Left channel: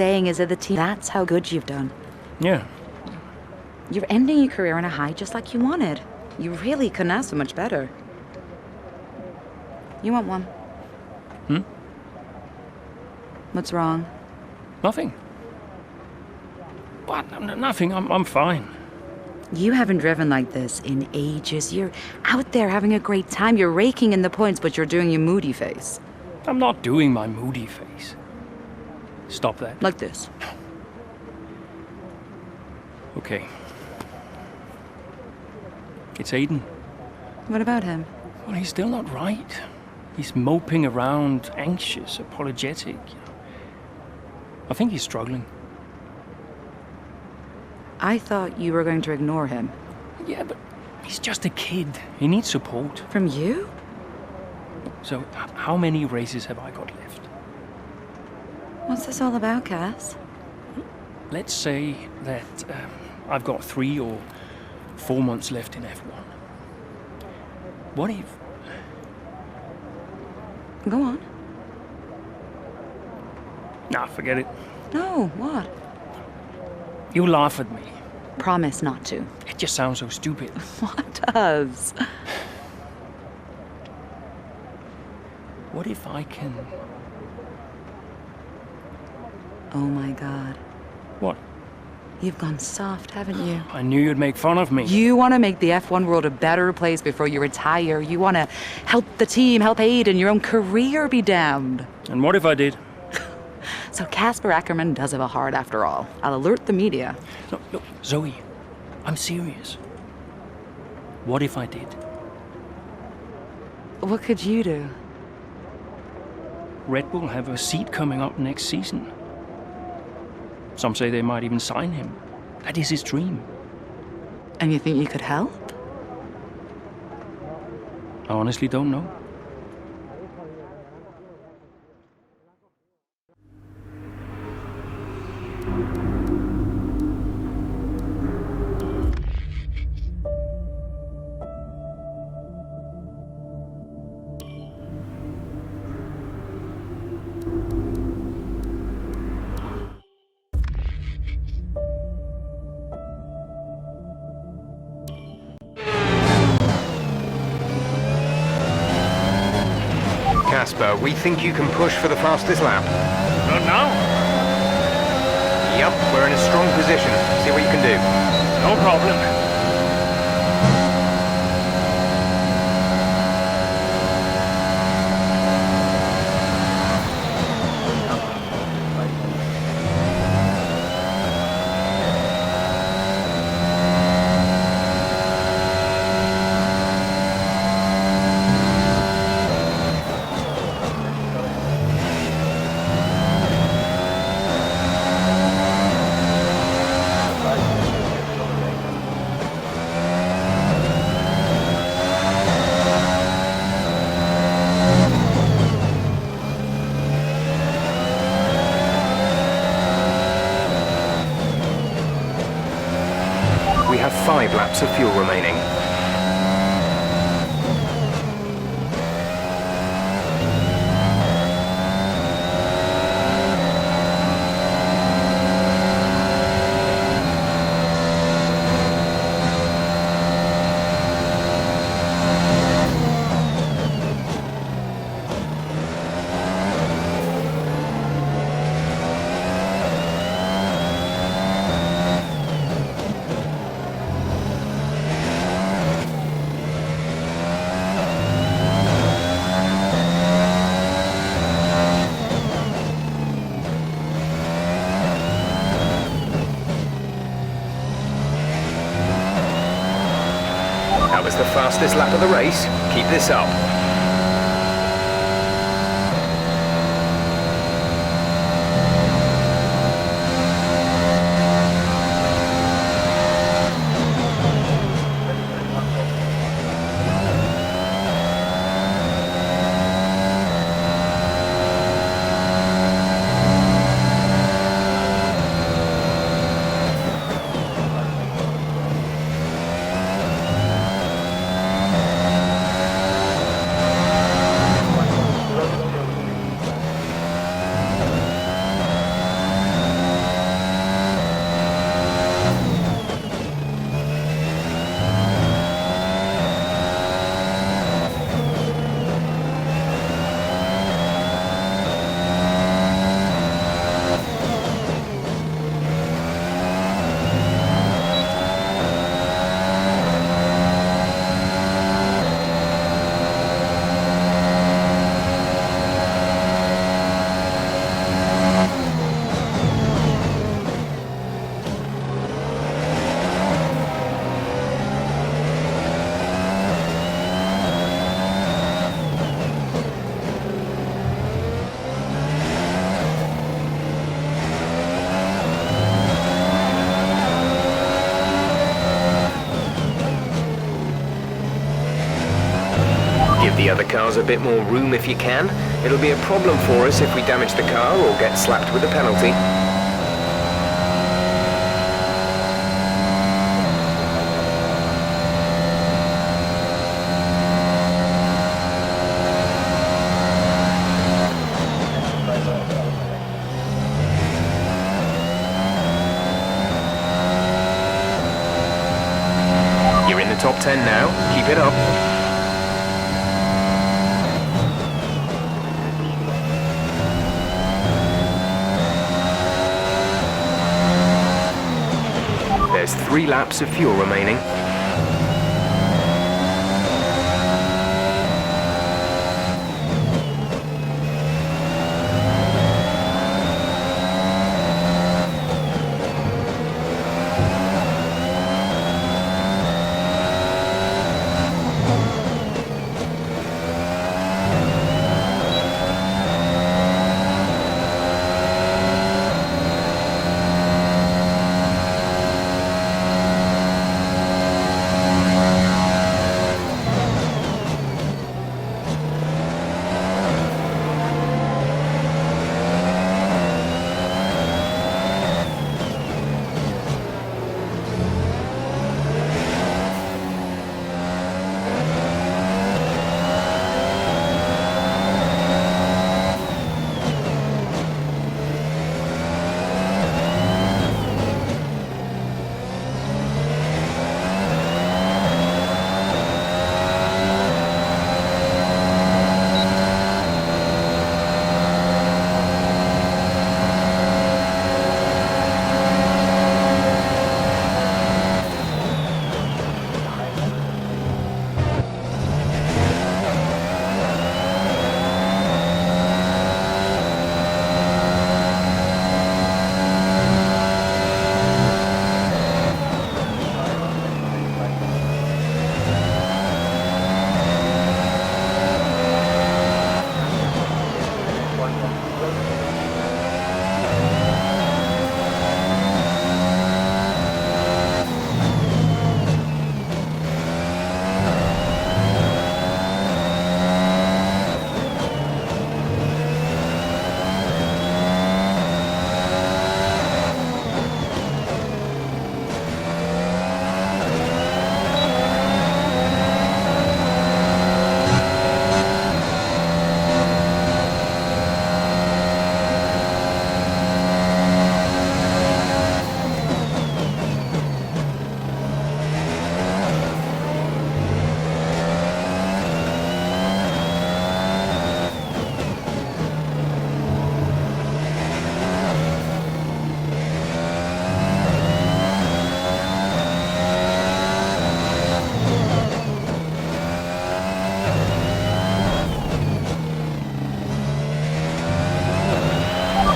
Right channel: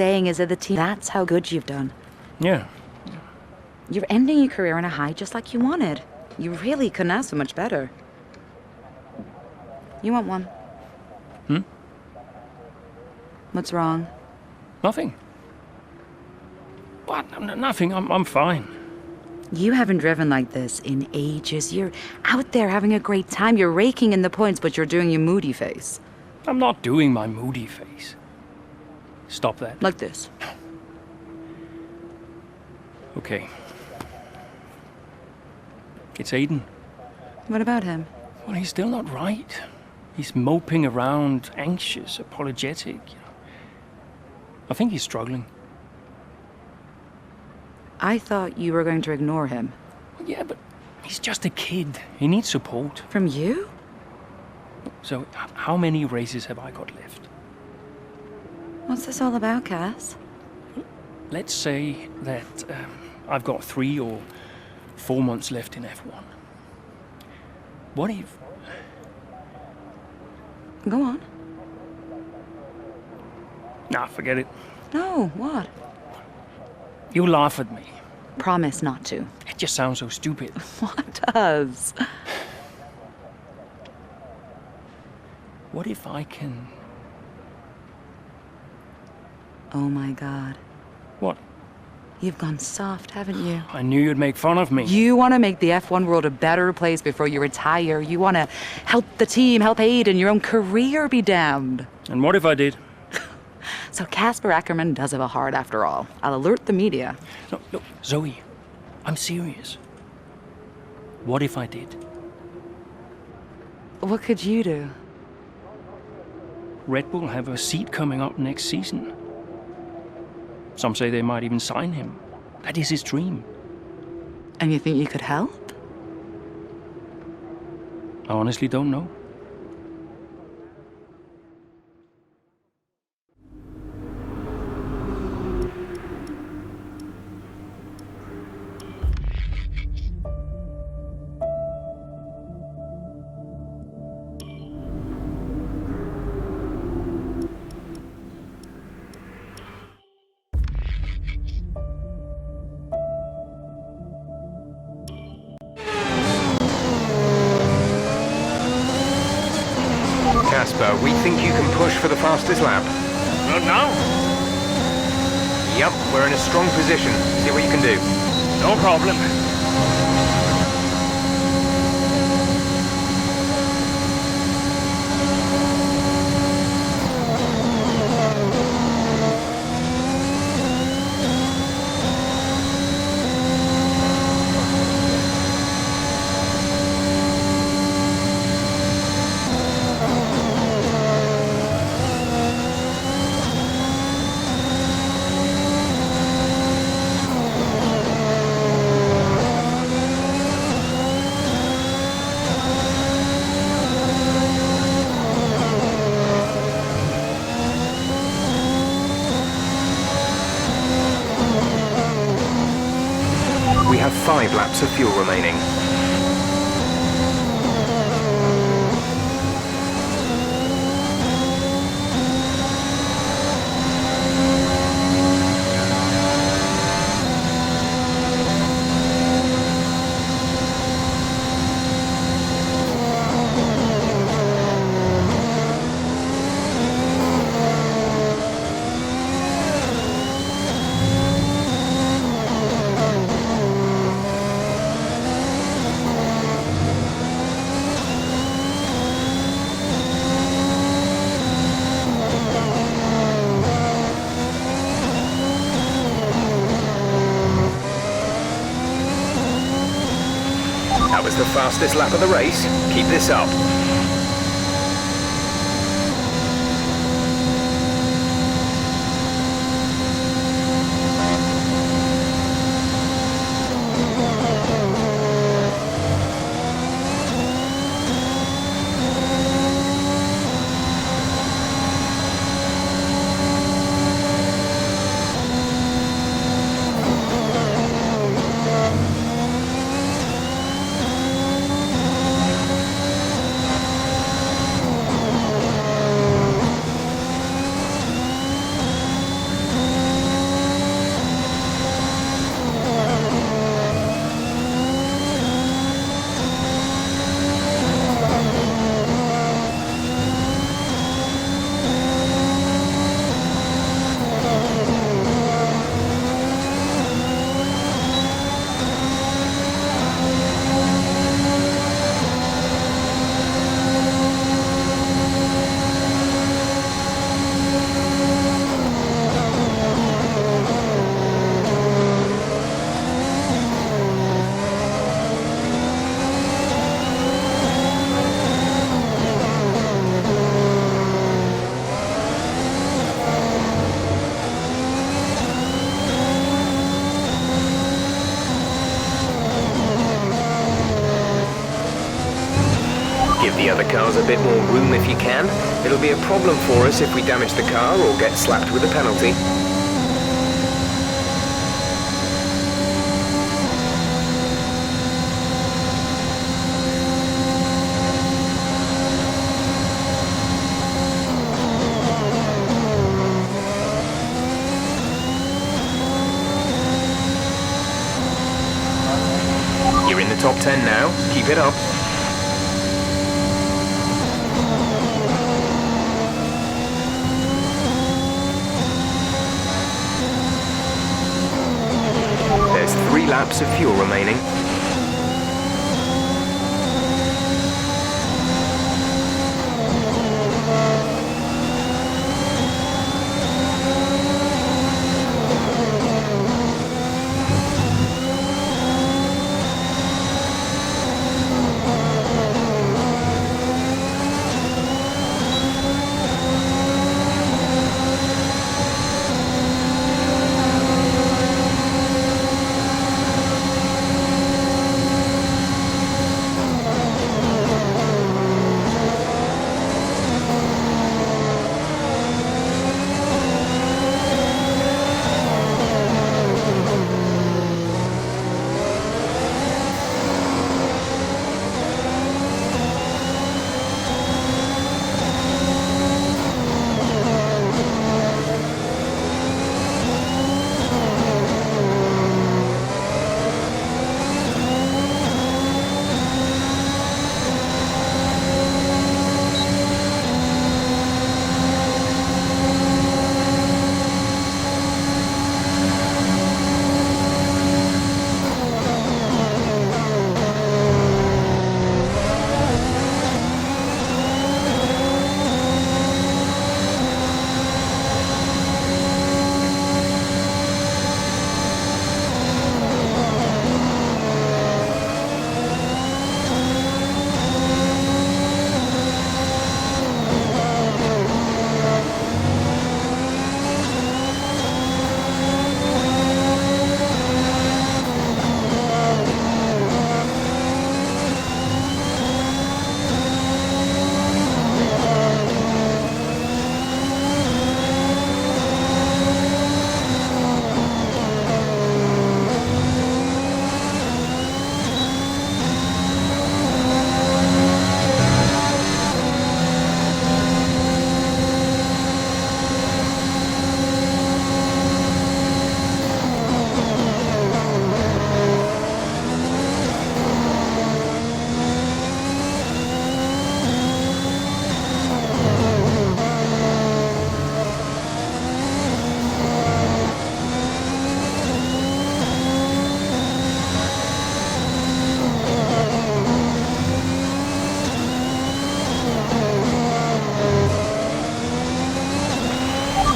saying is that the team, that's how good you've done. Yeah. You're ending your career on a high just like you wanted. You really couldn't ask for much better. You want one? What's wrong? Nothing. What? Nothing. I'm fine. You haven't driven like this in ages. You're out there having a great time. You're raking in the points, but you're doing your moody face. I'm not doing my moody face. Stop that. Like this. Okay. It's Aiden. What about him? Well, he's still not right. He's moping around, anxious, apologetic. I think he's struggling. I thought you were going to ignore him. Yeah, but he's just a kid. He needs support. From you? So, how many races have I got left? What's this all about, Cass? Let's say that I've got 3 or 4 months left in F1. What if... Go on. Nah, forget it. No, what? You laugh at me. Promise not to. It just sounds so stupid. What does? What if I can... Oh my God. What? You've gone soft, haven't you? I knew you'd make fun of me. You want to make the F1 world a better place before you retire. You want to help the team, help Aiden, your own career be damned. And what if I did? So Casper Ackerman does have a heart after all. I'll alert the media. No, Zoe, I'm serious. What if I did? What could you do? Red Bull have a seat coming up next season. Some say they might even sign him. That is his dream. And you think you could help? I honestly don't know. Casper, we think you can push for the fastest lap. Not now? Yep, we're in a strong position. See what you can do. No problem. We have 5 laps of fuel remaining. That was the fastest lap of the race. Keep this up. Give the other cars a bit more room if you can. It'll be a problem for us if we damage the car or get slapped with a penalty. You're in the top 10 now. Keep it up. There's 3 laps of fuel remaining.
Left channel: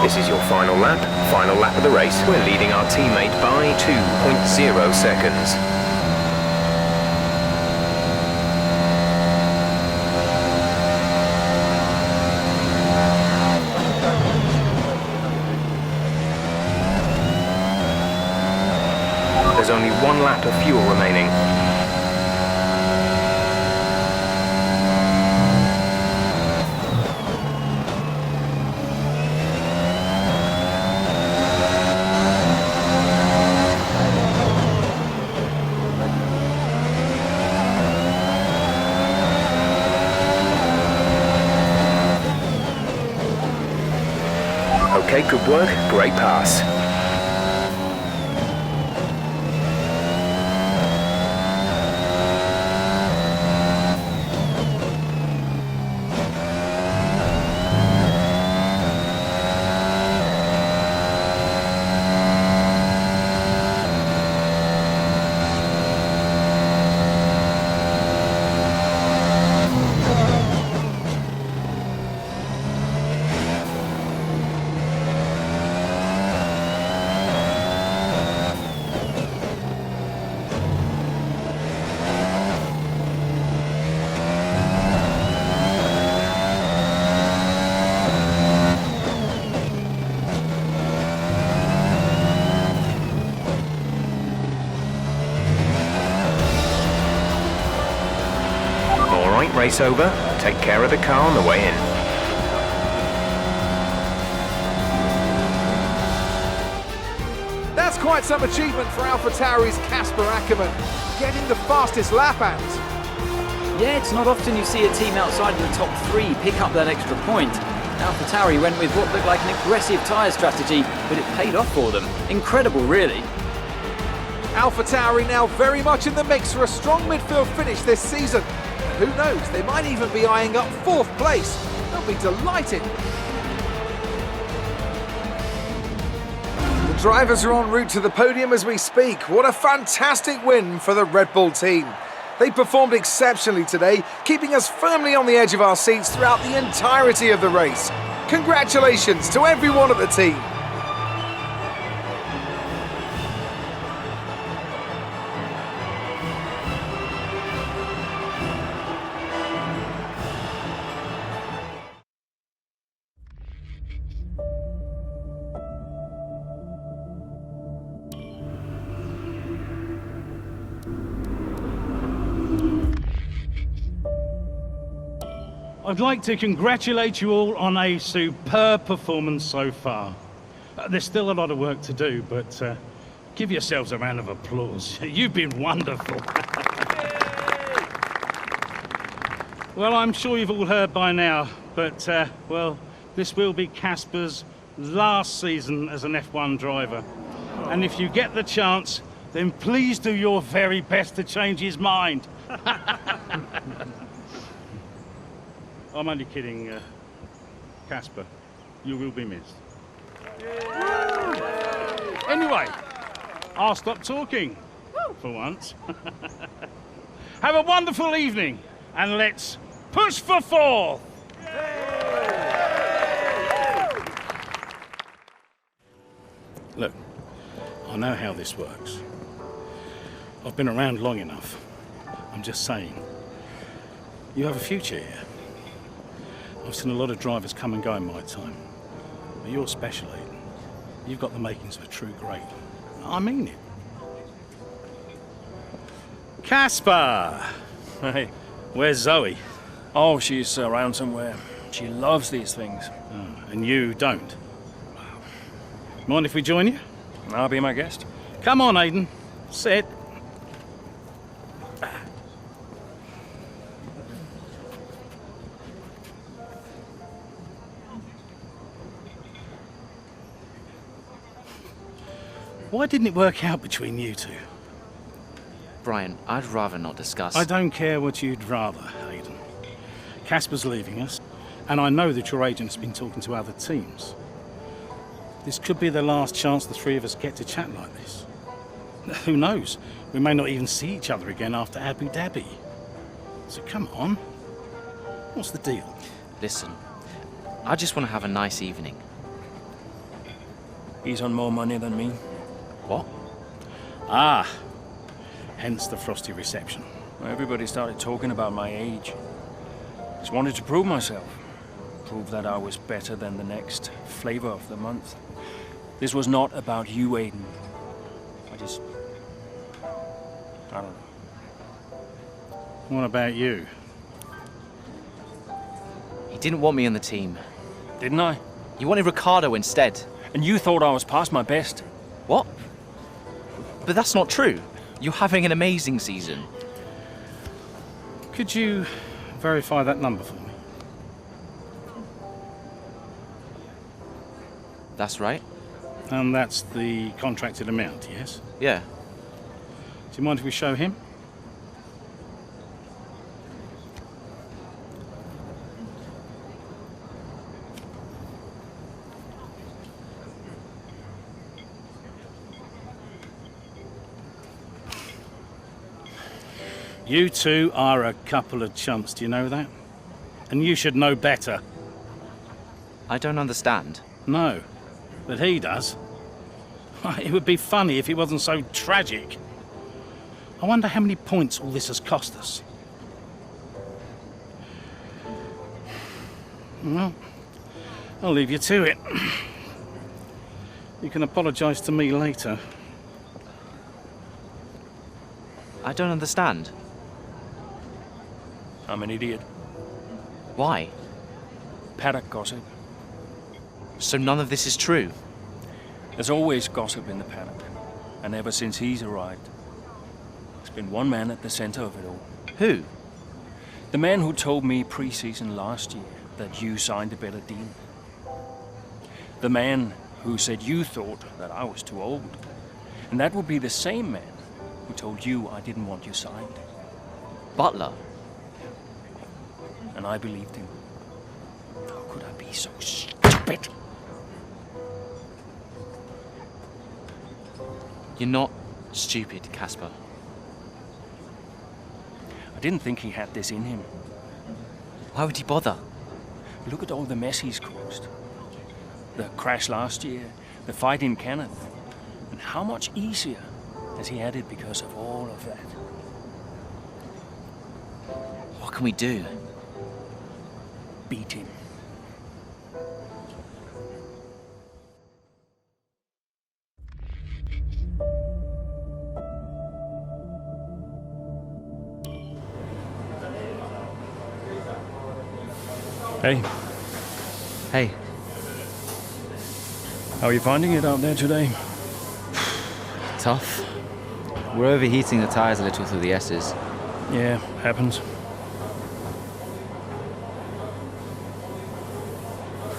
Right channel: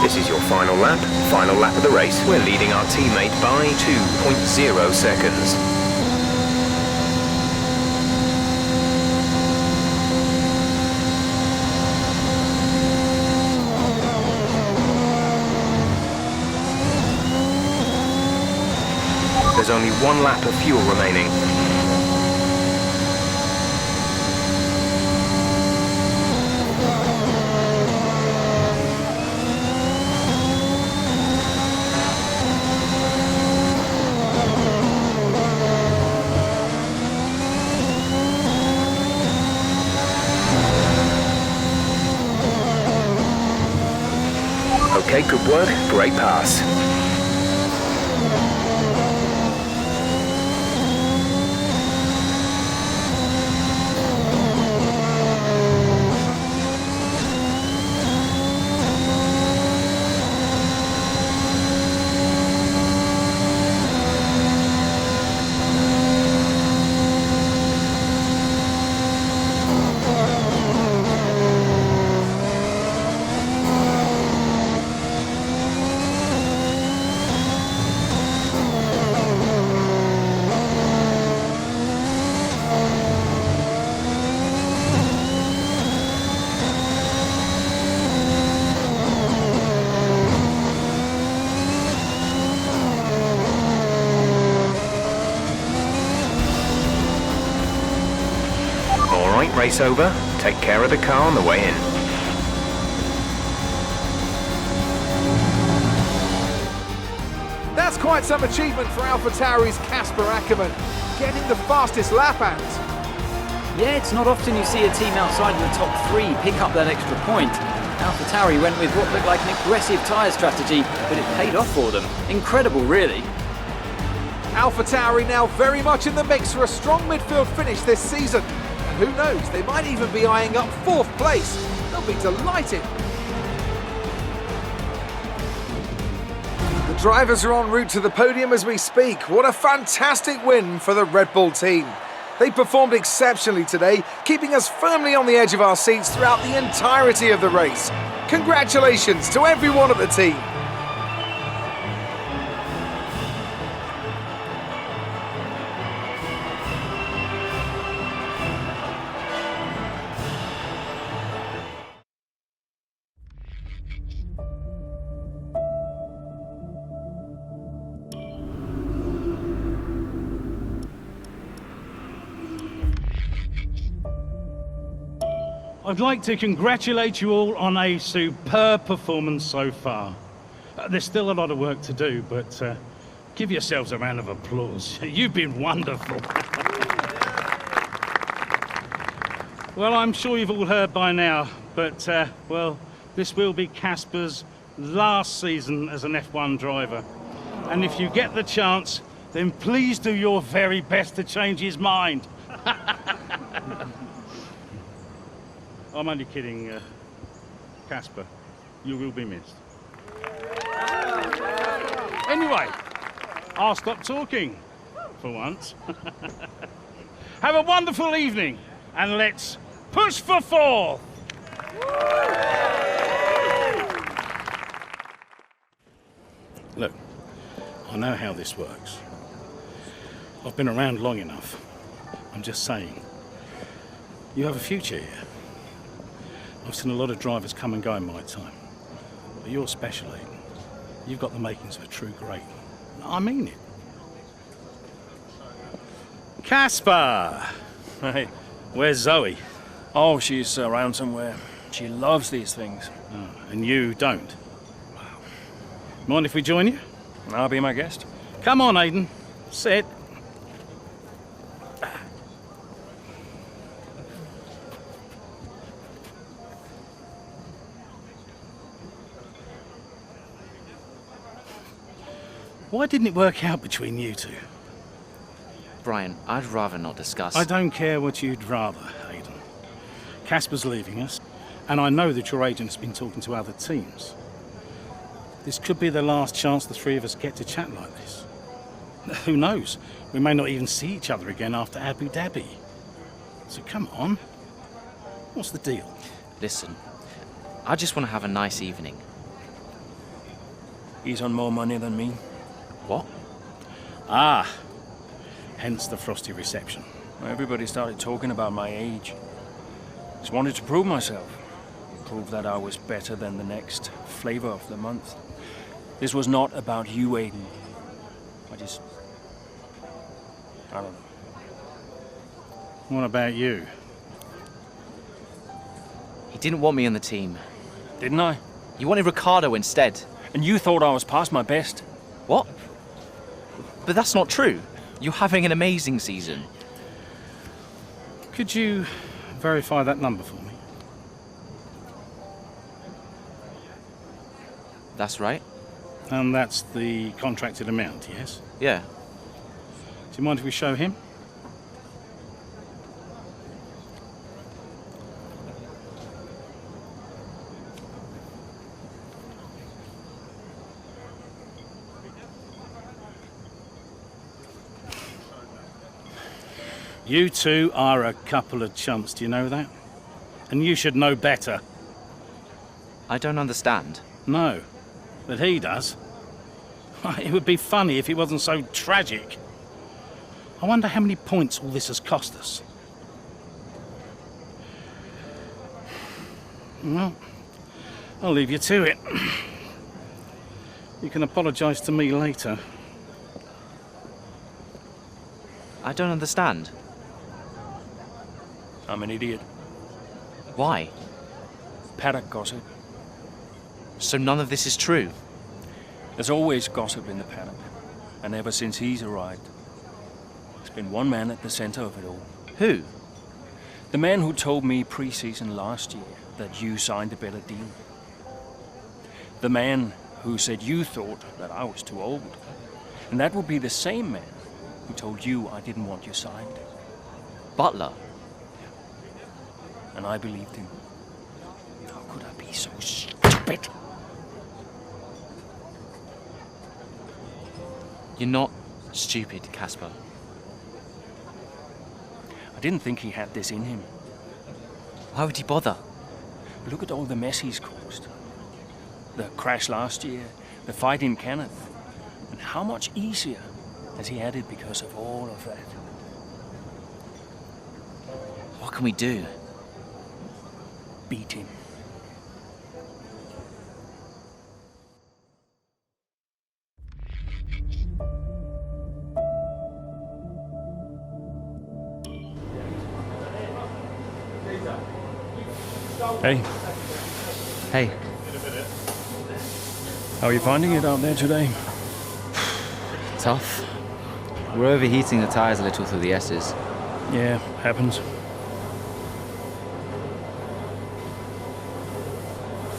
This is your final lap of the race. We're leading our teammate by 2.0 seconds. There's only 1 lap of fuel remaining. Okay, good work. Great pass. race over, take care of the car on the way in. That's quite some achievement for AlphaTauri's Casper Ackermann, getting the fastest lap and... Yeah, it's not often you see a team outside of the top three pick up that extra point. AlphaTauri went with what looked like an aggressive tyre strategy, but it paid off for them. Incredible, really. AlphaTauri now very much in the mix for a strong midfield finish this season. And who knows, they might even be eyeing up 4th place. They'll be delighted. The drivers are en route to the podium as we speak. What a fantastic win for the Red Bull team. They performed exceptionally today, keeping us firmly on the edge of our seats throughout the entirety of the race. Congratulations to everyone at the team. I'd like to congratulate you all on a superb performance so far. There's still a lot of work to do, but give yourselves a round of applause. You've been wonderful. Well, I'm sure you've all heard by now, but, well, this will be Casper's last season as an F1 driver. And if you get the chance, then please do your very best to change his mind. I'm only kidding, Casper. You will be missed. Anyway, I'll stop talking, for once. Have a wonderful evening, and let's push for 4th! Look, I know how this works. I've been around long enough. I'm just saying, you have a future here. I've seen a lot of drivers come and go in my time. But you're special, Aiden. You've got the makings of a true great. I mean it. Casper! Hey. Where's Zoe? Oh, she's around somewhere. She loves these things. Oh, and you don't? Mind if we join you? I'll be my guest. Come on, Aiden. Sit. Why didn't it work out between you two? Brian, I'd rather not discuss. I don't care what you'd rather, Aiden. Casper's leaving us, and I know that your agent's been talking to other teams. This could be the last chance the three of us get to chat like this. Who knows? We may not even see each other again after Abu Dhabi. So come on. What's the deal? Listen, I just want to have a nice evening. He's on more money than me. What? Ah, hence the frosty reception. Everybody started talking about my age. Just wanted to prove myself. Prove that I was better than the next flavor of the month. This was not about you, Aiden. I don't know. What about you? He didn't want me on the team. Didn't I? He wanted Ricardo instead. And you thought I was past my best. What? But that's not true. You're having an amazing season. Could you verify that number for me? That's right. And that's the contracted amount, yes? Yeah. Do you mind if we show him? You two are a couple of chumps, do you know that? And you should know better. I don't understand. No, but he does. It would be funny if it wasn't so tragic. I wonder how many points all this has cost us. Well, I'll leave you to it. You can apologise to me later. I don't understand. I'm an idiot. Why? Paddock gossip. So none of this is true? There's always gossip in the paddock. And ever since he's arrived, there's been one man at the center of it all. Who? The man who told me pre-season last year that you signed a better deal. The man who said you thought that I was too old. And that would be the same man who told you I didn't want you signed. Butler? And I believed him. How could I be so stupid? You're not stupid, Casper. I didn't think he had this in him. Why would he bother? Look at all the mess he's caused. The crash last year, the fight in Canada. And how much easier has he had it because of all of that? What can we do? Beat him. Hey, Hey, how are you finding it out there today? Tough. We're overheating the tyres a little through the S's. Yeah, happens.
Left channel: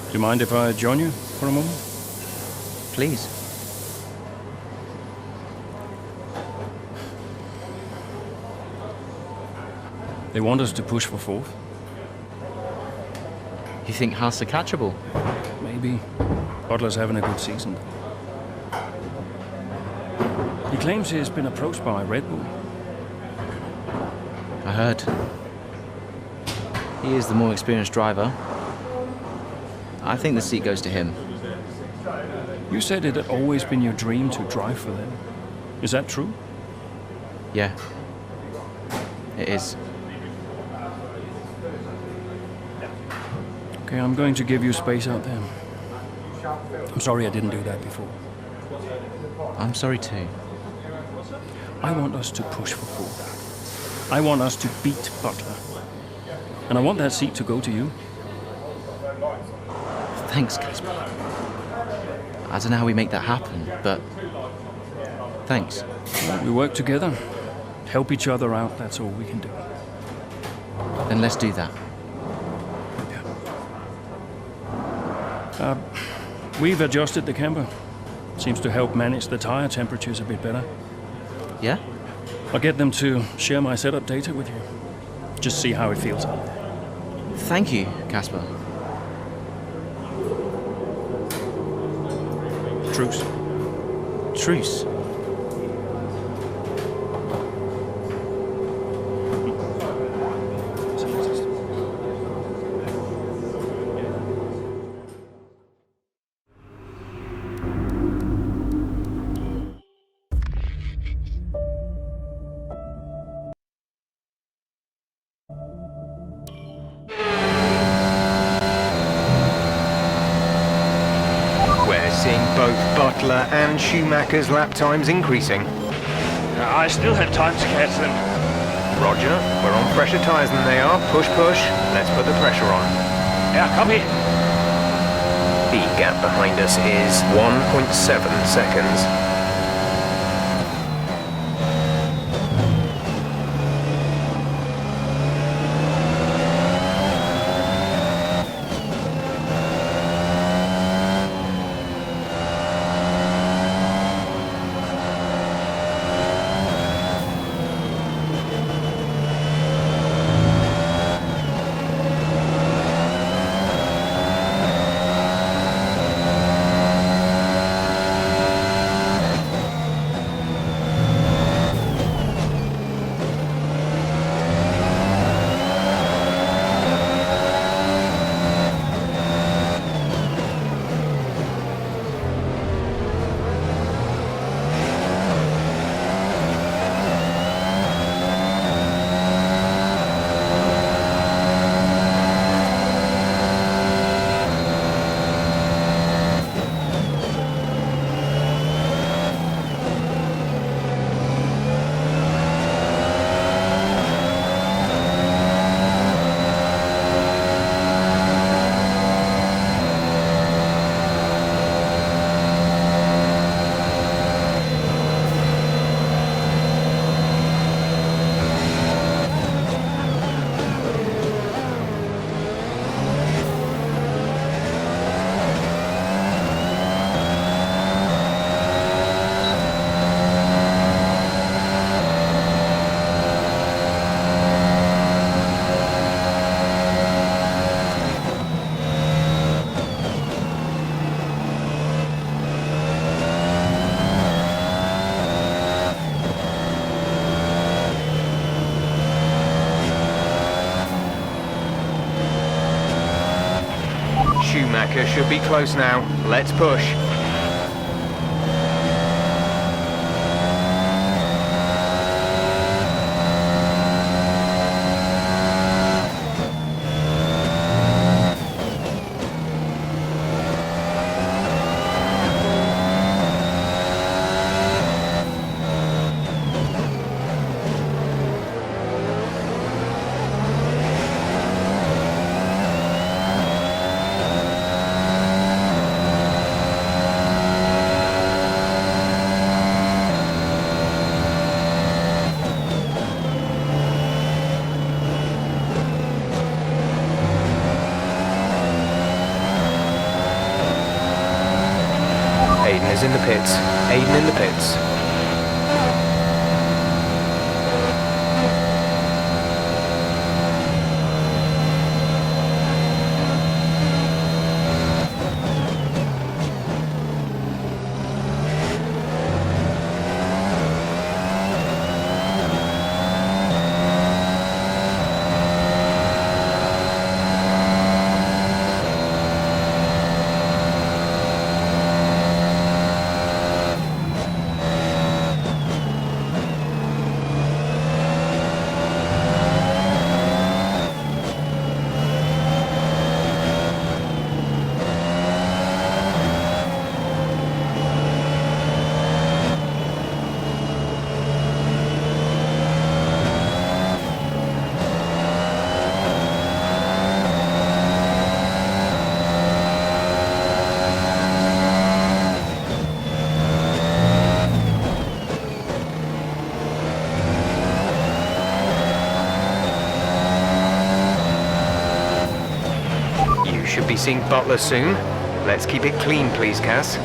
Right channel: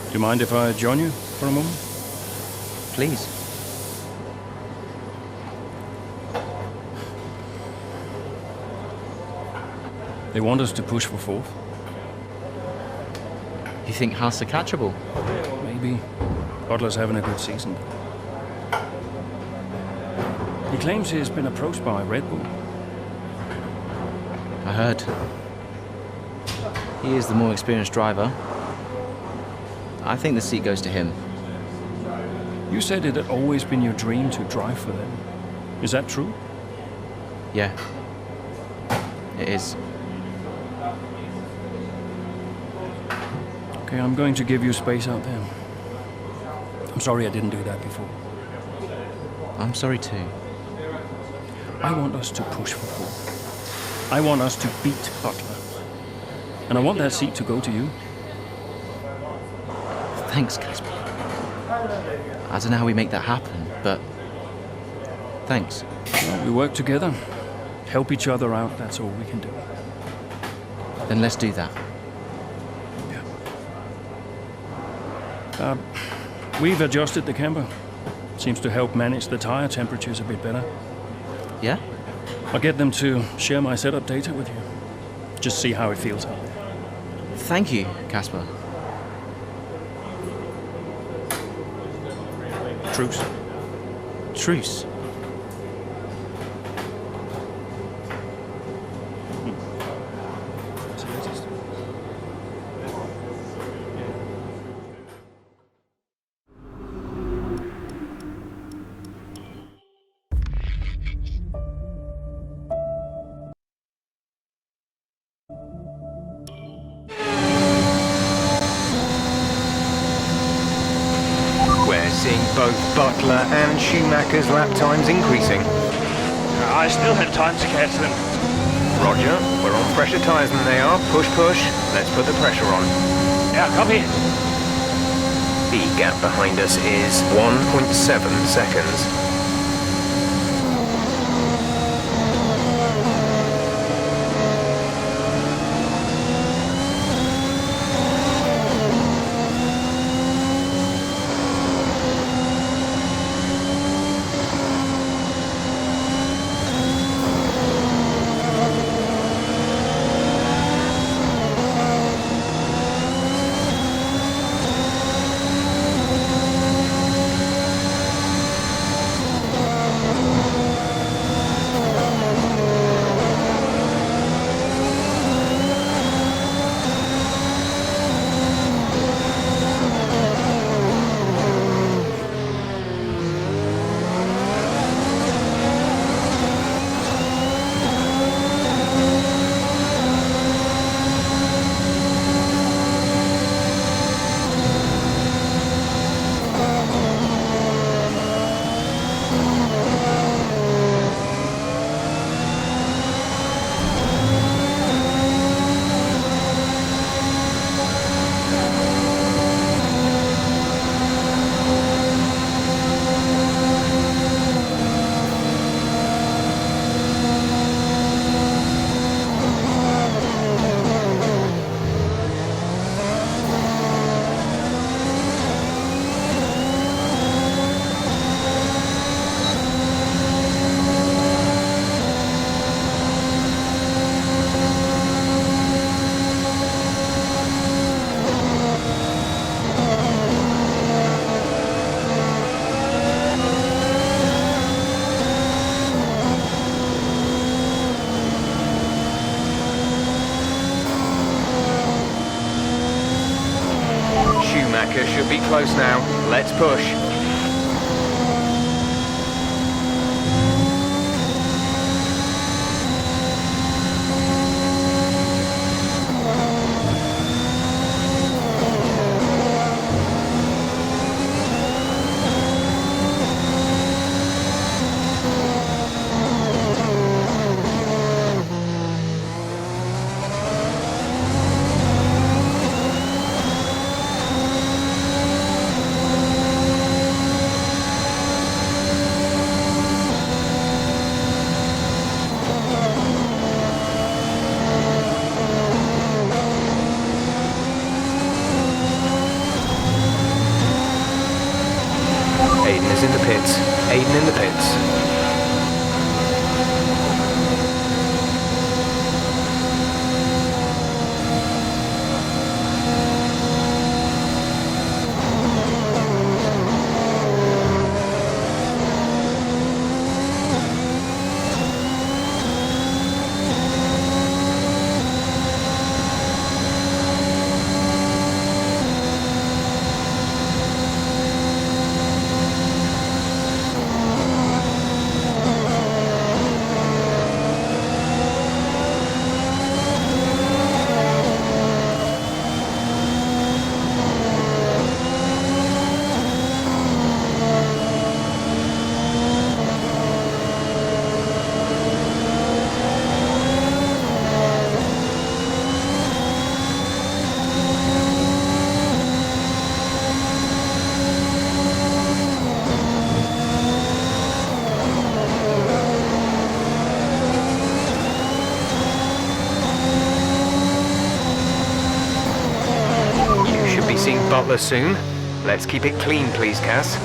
Do you mind if I join you for a moment? Please. They want us to push for fourth. You think Haas are catchable? Maybe. Butler's having a good season. He claims he has been approached by Red Bull. I heard. He is the more experienced driver. I think the seat goes to him. You said it had always been your dream to drive for them. Is that true? Yeah. It is. Okay, I'm going to give you space out there. I'm sorry I didn't do that before. I'm sorry too. I want us to push for fourth. I want us to beat Butler. And I want that seat to go to you. Thanks, Casper. I don't know how we make that happen, but thanks. Well, we work together. Help each other out, that's all we can do. Then let's do that. We've adjusted the camber. Seems to help manage the tire temperatures a bit better. Yeah? I'll get them to share my setup data with you. Just see how it feels out there. Thank you, Casper. Truce. Truce. We're seeing both Butler and Schumacher's lap times increasing. I still have time to catch them. Roger, we're on fresher tyres than they are. Push, push. Let's put the pressure on. Yeah, copy. The gap behind us is 1.7 seconds. Schumacher should be close now. Let's push. Aiden is in the pits. Aiden in the pits. Should be seeing Butler soon. Let's keep it clean, please, Cass.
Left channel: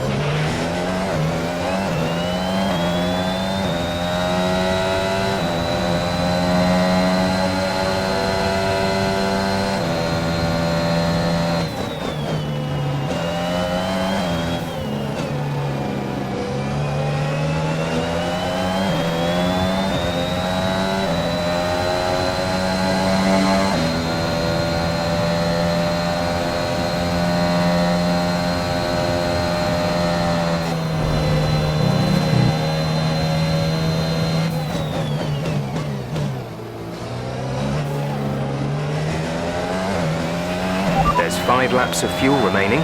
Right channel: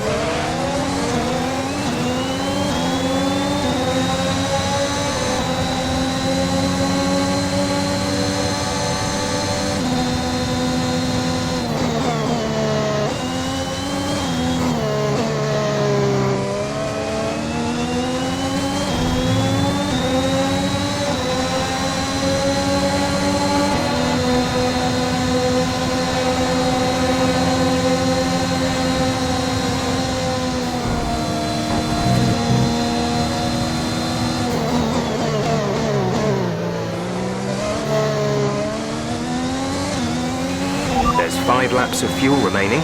There's 5 laps of fuel remaining.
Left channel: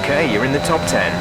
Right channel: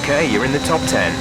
Okay, you're in the top 10.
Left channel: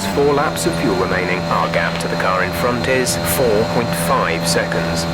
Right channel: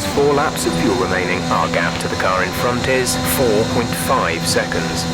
There's 4 laps of fuel remaining. Our gap to the car in front is 4.5 seconds.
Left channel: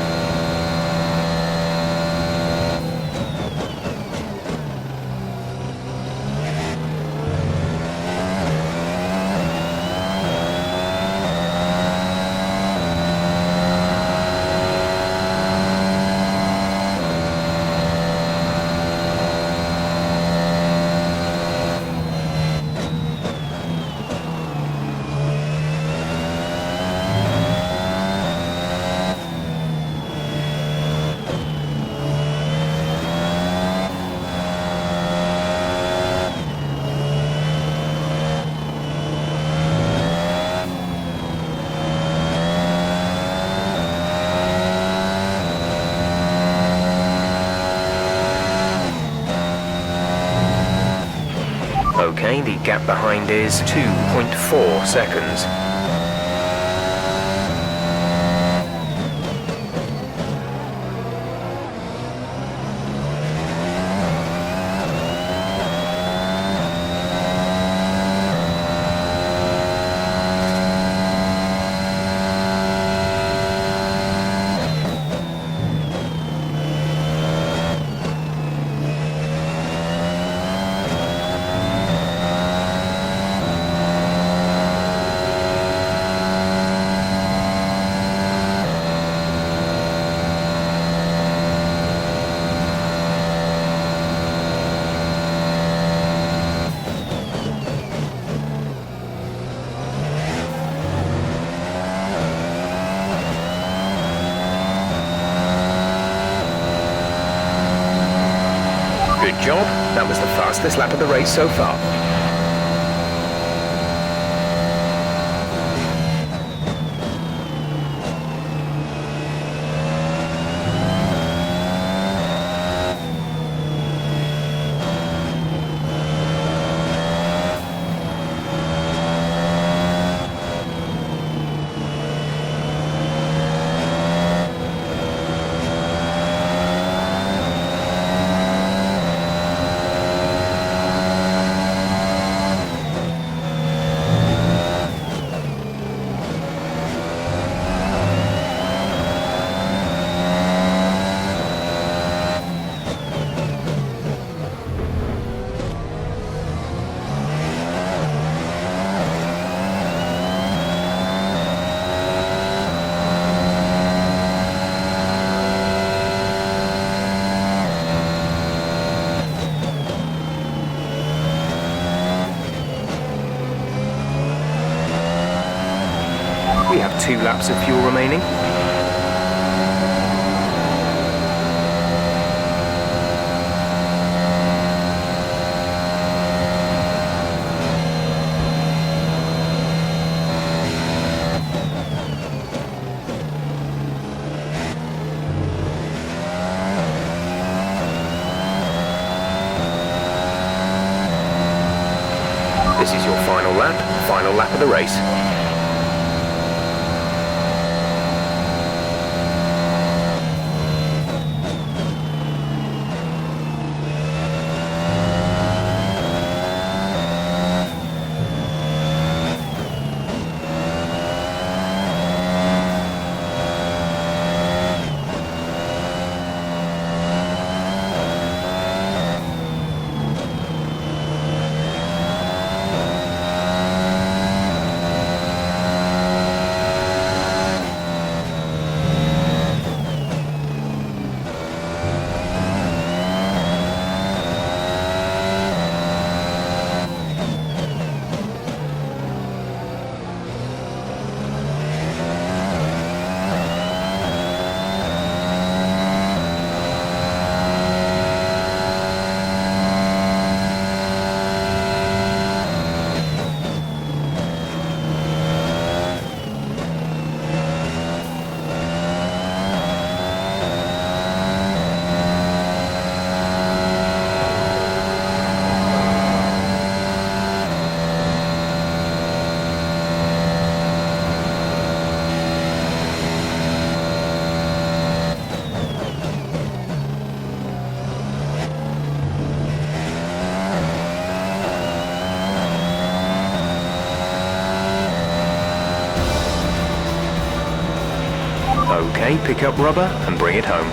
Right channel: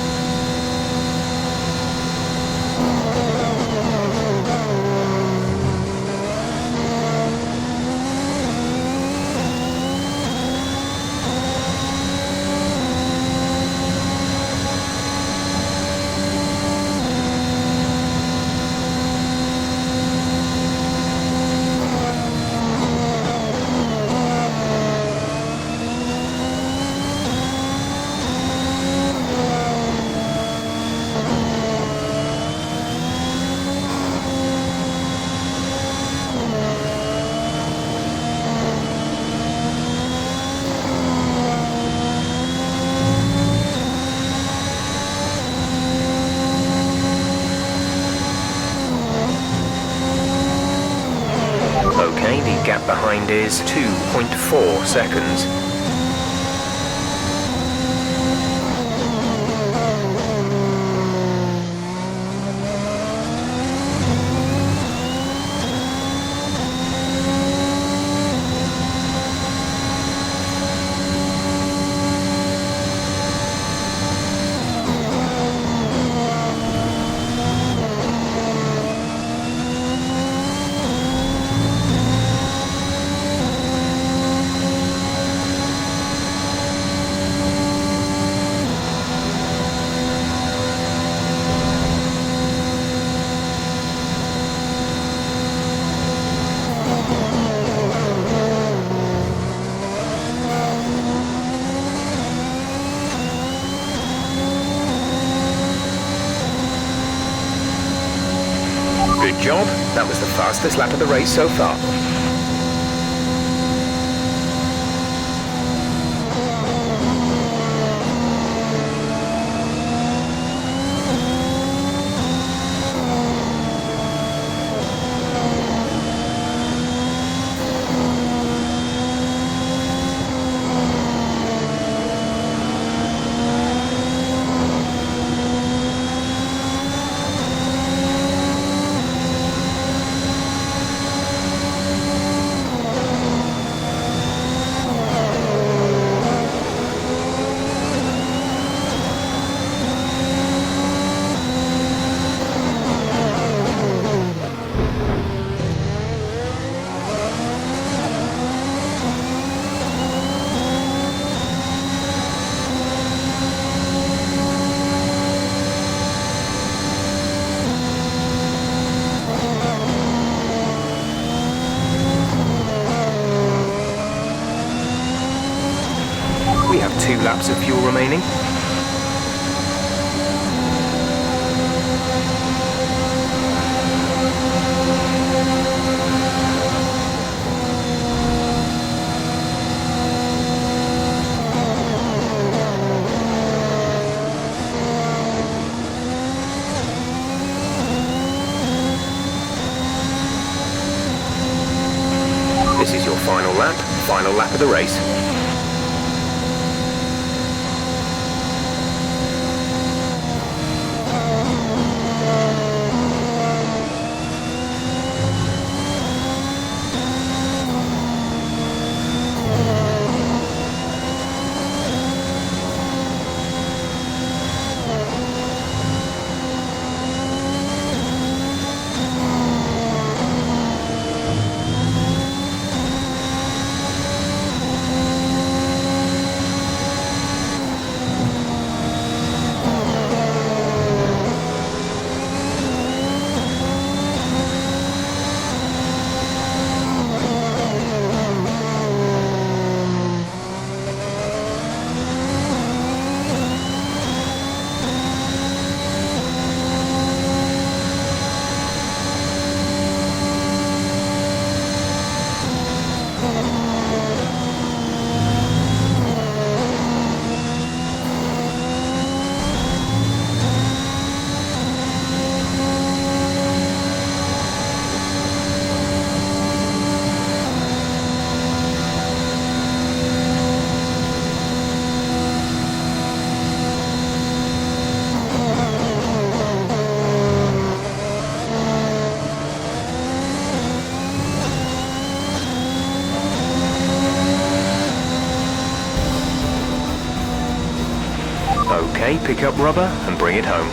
Okay, the gap behind is 2.4 seconds. Good job. That was the fastest lap of the race so far. We have 2 laps of fuel remaining. This is your final lap of the race. Okay, pick up rubber and bring it home.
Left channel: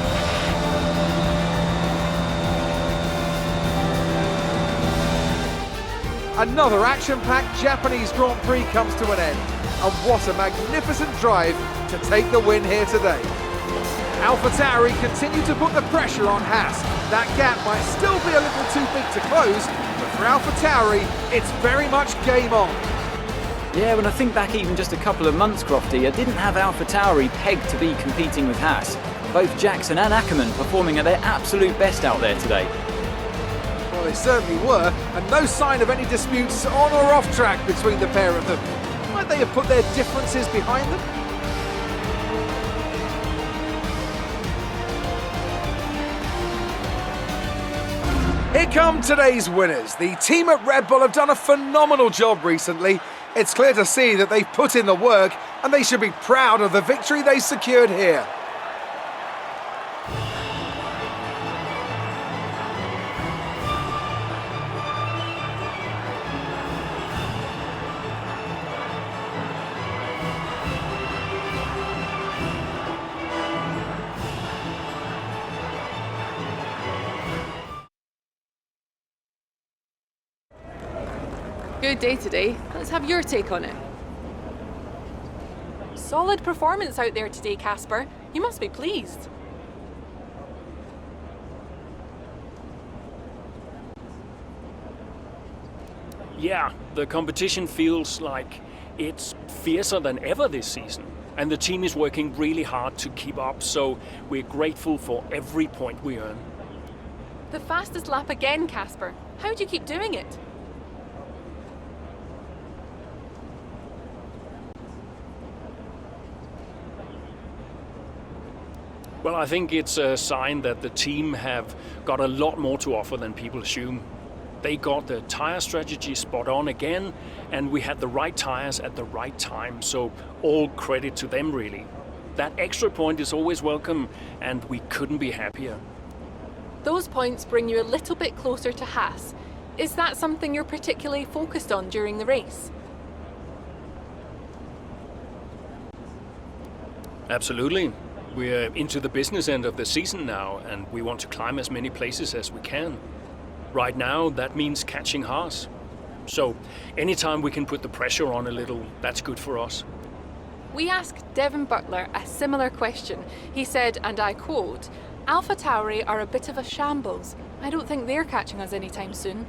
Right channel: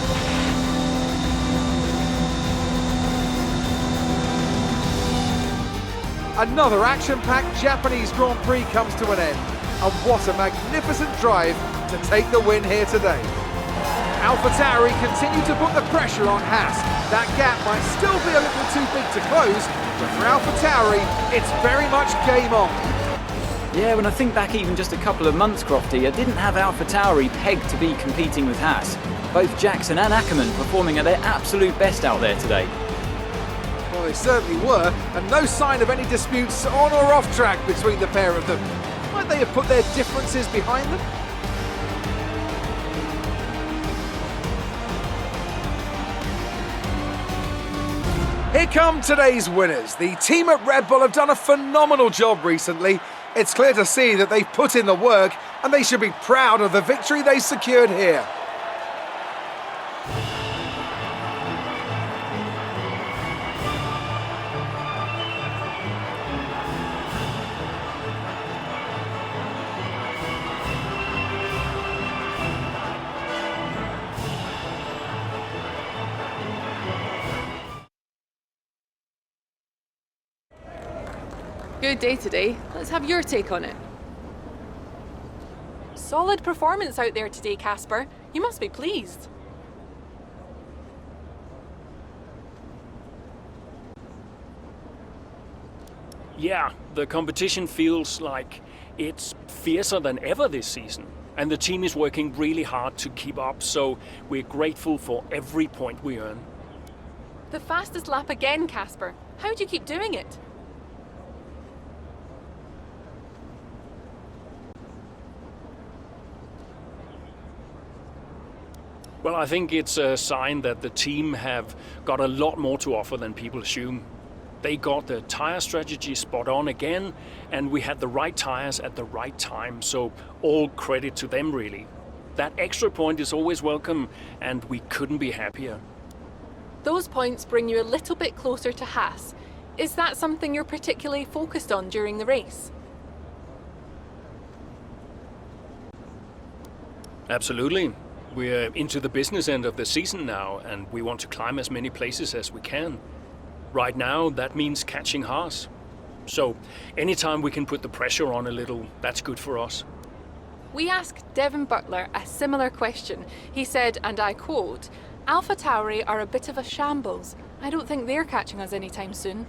Another action-packed Japanese Grand Prix comes to an end. And what a magnificent drive to take the win here today. AlphaTauri continue to put the pressure on Haas. That gap might still be a little too big to close, but for AlphaTauri, it's very much game on. Yeah, when I think back even just a couple of months, Crofty, I didn't have AlphaTauri pegged to be competing with Haas. Both Jackson and Ackerman performing at their absolute best out there today. Well, they certainly were, and no sign of any disputes on or off track between the pair of them. Might they have put their differences behind them? Here come today's winners. The team at Red Bull have done a phenomenal job recently. It's clear to see that they've put in the work, and they should be proud of the victory they secured here. Good day today. Let's have your take on it. Solid performance out there today, Casper. You must be pleased. Yeah, the competition feels like it's fiercer than ever this season. And the team is working really hard to keep up, so we're grateful for every point we earn. The fastest lap again, Casper. How do you keep doing it? Well, I think it's a sign that the team have got a lot more to offer than people assume. They got the tyre strategy spot on again, and we had the right tyres at the right time, so all credit to them really. That extra point is always welcome, and we couldn't be happier. Those points bring you a little bit closer to Haas. Is that something you're particularly focused on during the race? Absolutely. We're into the business end of the season now, and we want to climb as many places as we can. Right now, that means catching Haas. So, anytime we can put the pressure on a little, that's good for us. We asked Devin Butler a similar question. He said, and I quote, "AlphaTauri are a bit of a shambles. I don't think they're catching us anytime soon."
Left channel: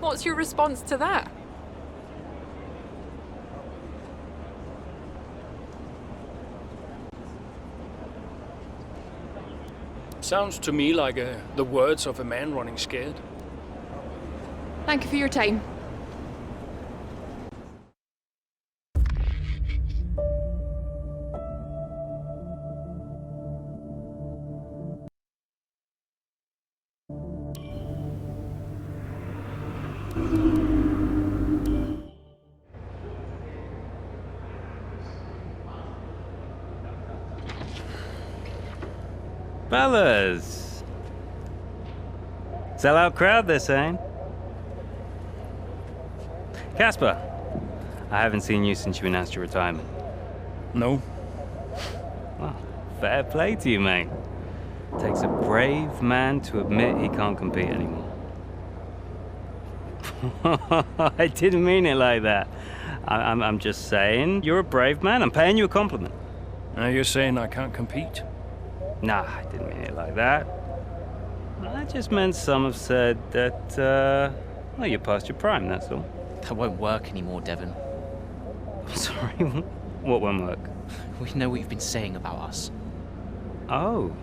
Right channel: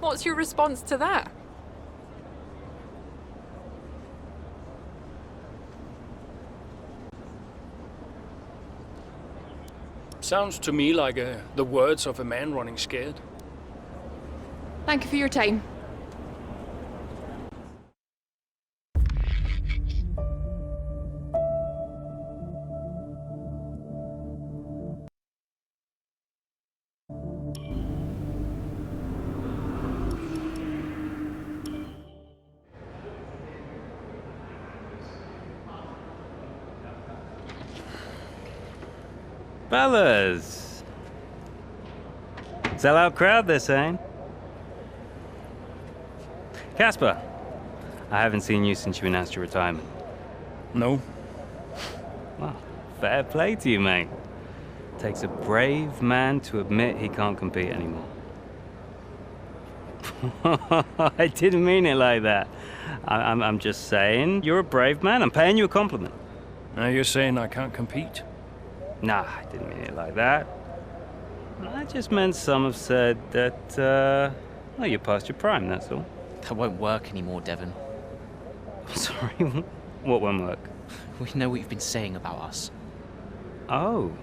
What's your response to that? Sounds to me like the words of a man running scared. Thank you for your time. Fellas! Sell-out crowd, they're saying. Casper, I haven't seen you since you announced your retirement. No. Well, fair play to you, mate. Takes a brave man to admit he can't compete anymore. I didn't mean it like that. I'm just saying, you're a brave man. I'm paying you a compliment. Now you're saying I can't compete? Nah, I didn't mean it like that. I just meant some have said that, well, you're past your prime, that's all. That won't work anymore, Devon. I'm sorry, what won't work? We know what you've been saying about us. Oh,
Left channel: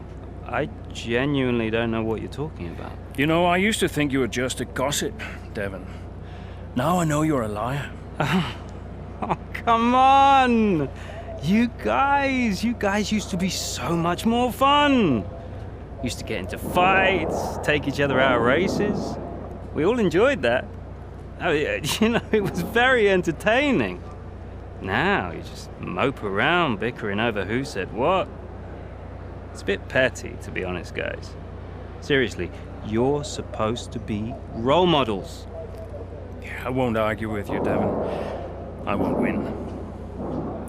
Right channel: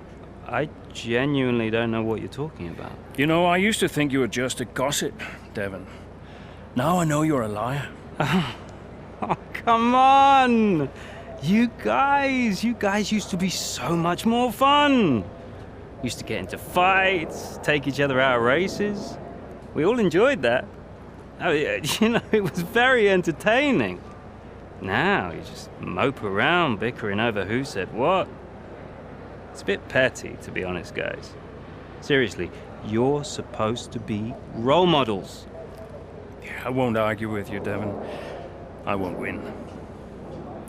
I genuinely don't know what you're talking about. You know, I used to think you were just a gossip, Devon. Now I know you're a liar. Oh, come on! You guys used to be so much more fun. Used to get into fights, take each other out of races. We all enjoyed that. Oh, you know, it was very entertaining. Now you just mope around bickering over who said what. It's a bit petty, to be honest, guys. Seriously, you're supposed to be role models. Yeah, I won't argue with you, Devon. I won't win.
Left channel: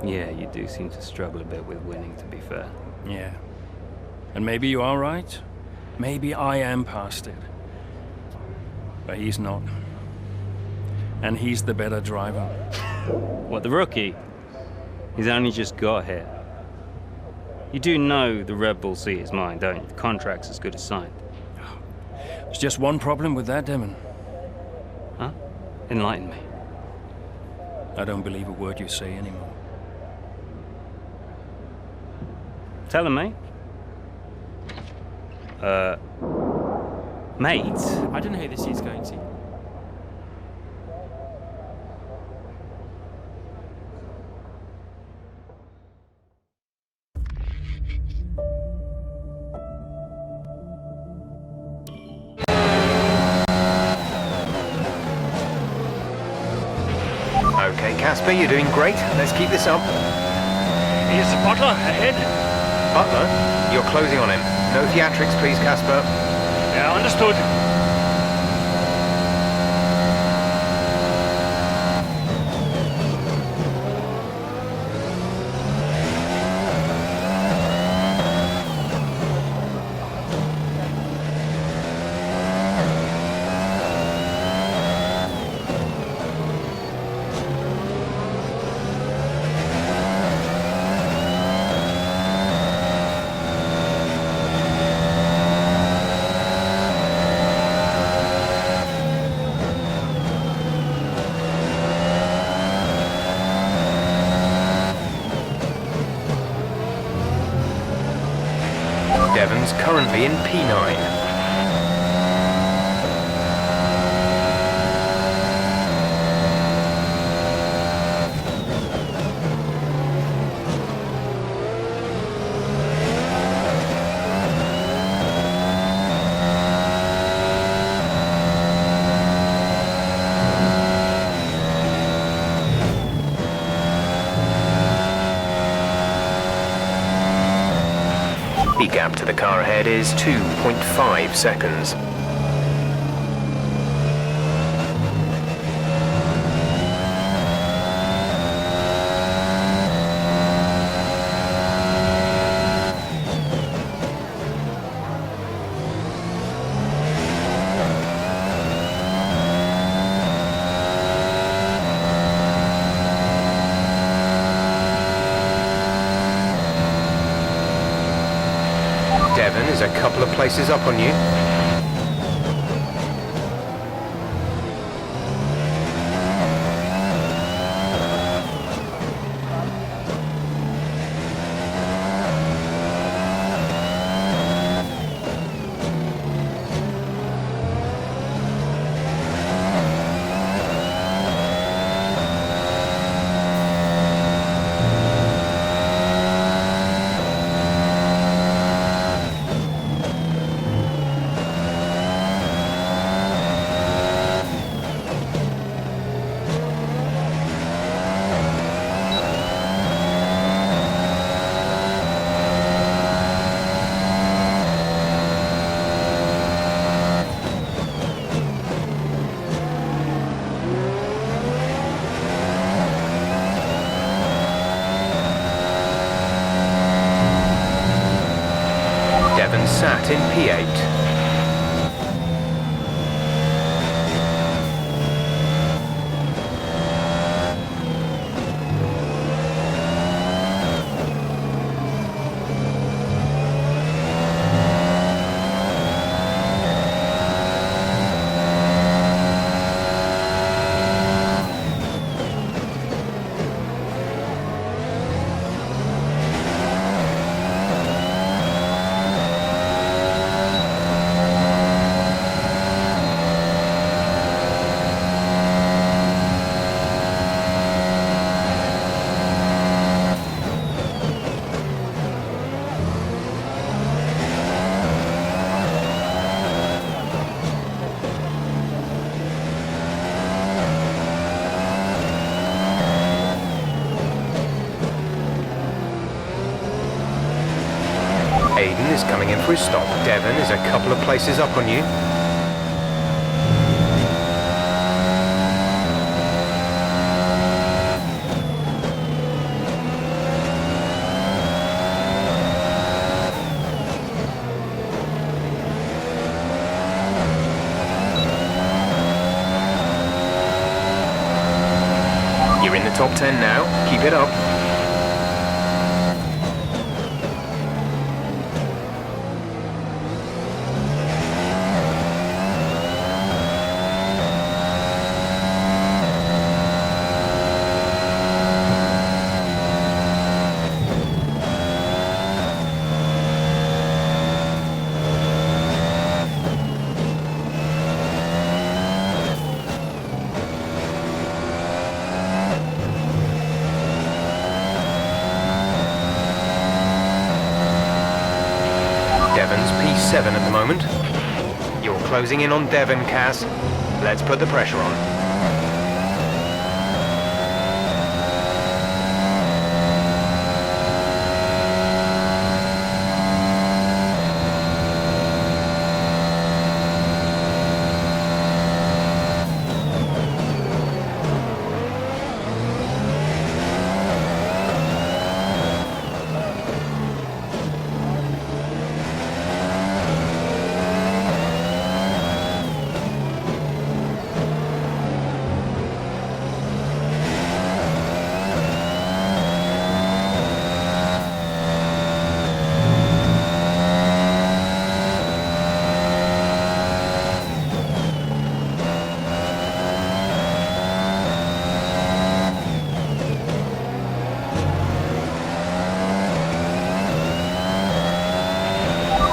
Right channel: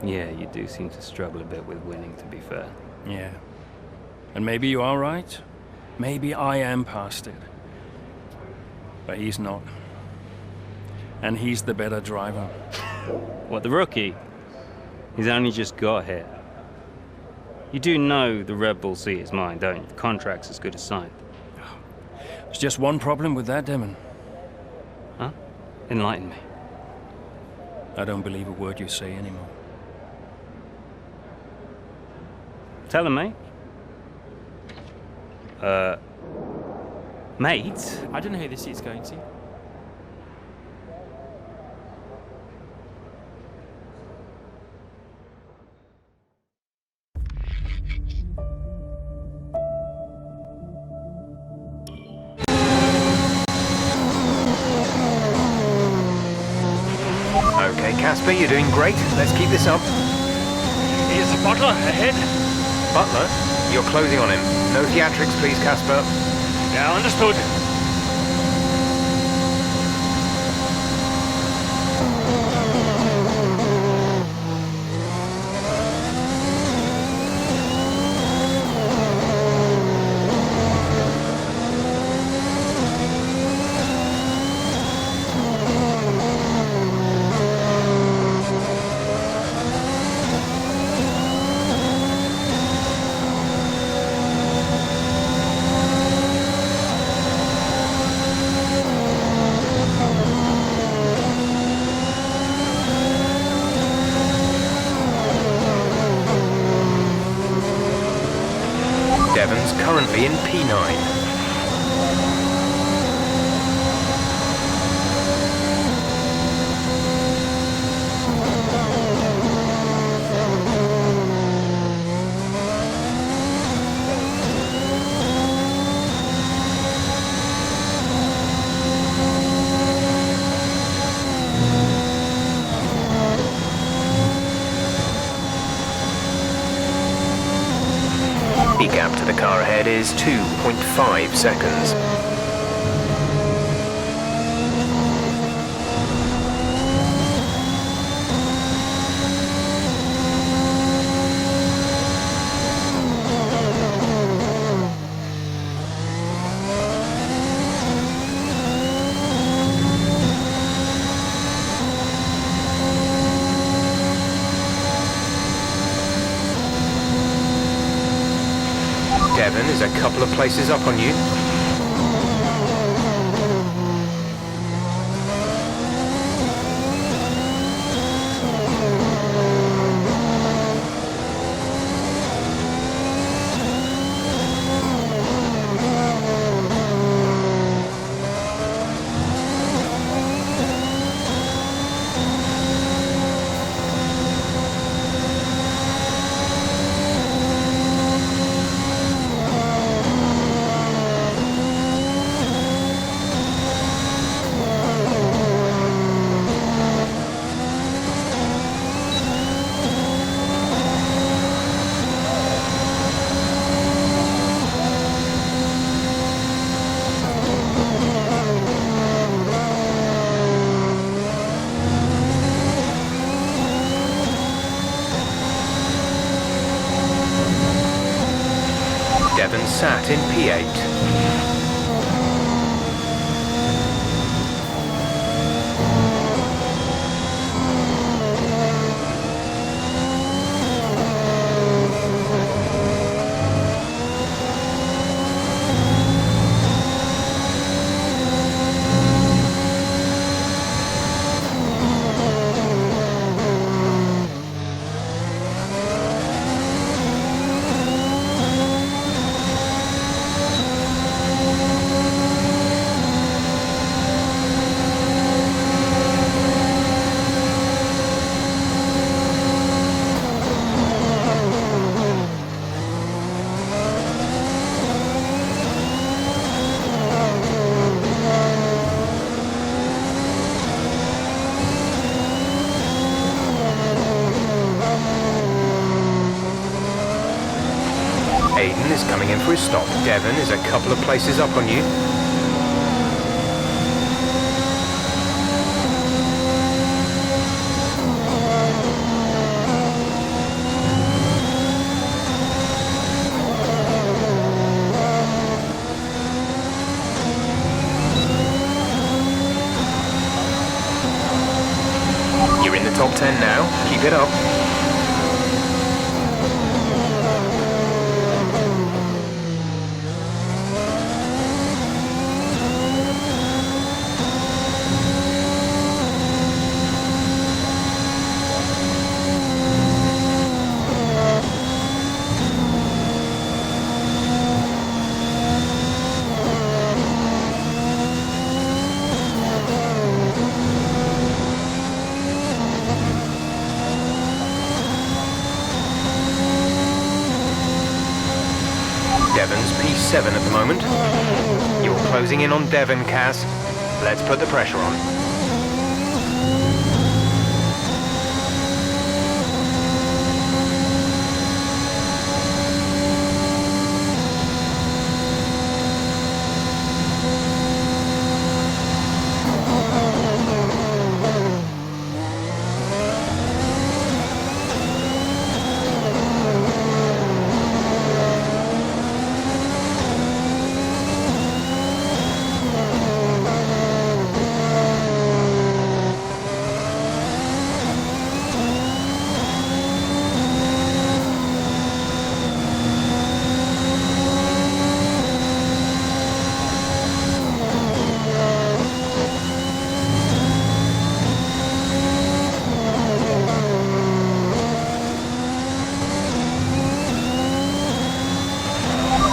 Yeah, you do seem to struggle a bit with winning, to be fair. Yeah. And maybe you are right. Maybe I am past it. But he's not. And he's the better driver. What, the rookie? He's only just got here. You do know the Red Bull seat is mine, don't you? The contract's as good as signed. There's just one problem with that, Devon. Huh? Enlighten me. I don't believe a word you say anymore. Tell him, mate. Mate? I don't know who this is going to. Okay, Casper, you're doing great. Let's keep this up. Is Butler ahead? Butler, you're closing on him. No theatrics, please, Casper. Yeah, understood. Devon's currently in P9. The gap to the car ahead is 2.5 seconds. Devon is a couple of places up on you. Devon sat in P8. Aiden is coming in for his stop. Devon is a couple of places up on you. You're in the top 10 now. Keep it up. Devon's P7 at the moment. You're closing in on Devon, Cass. Let's put the pressure on.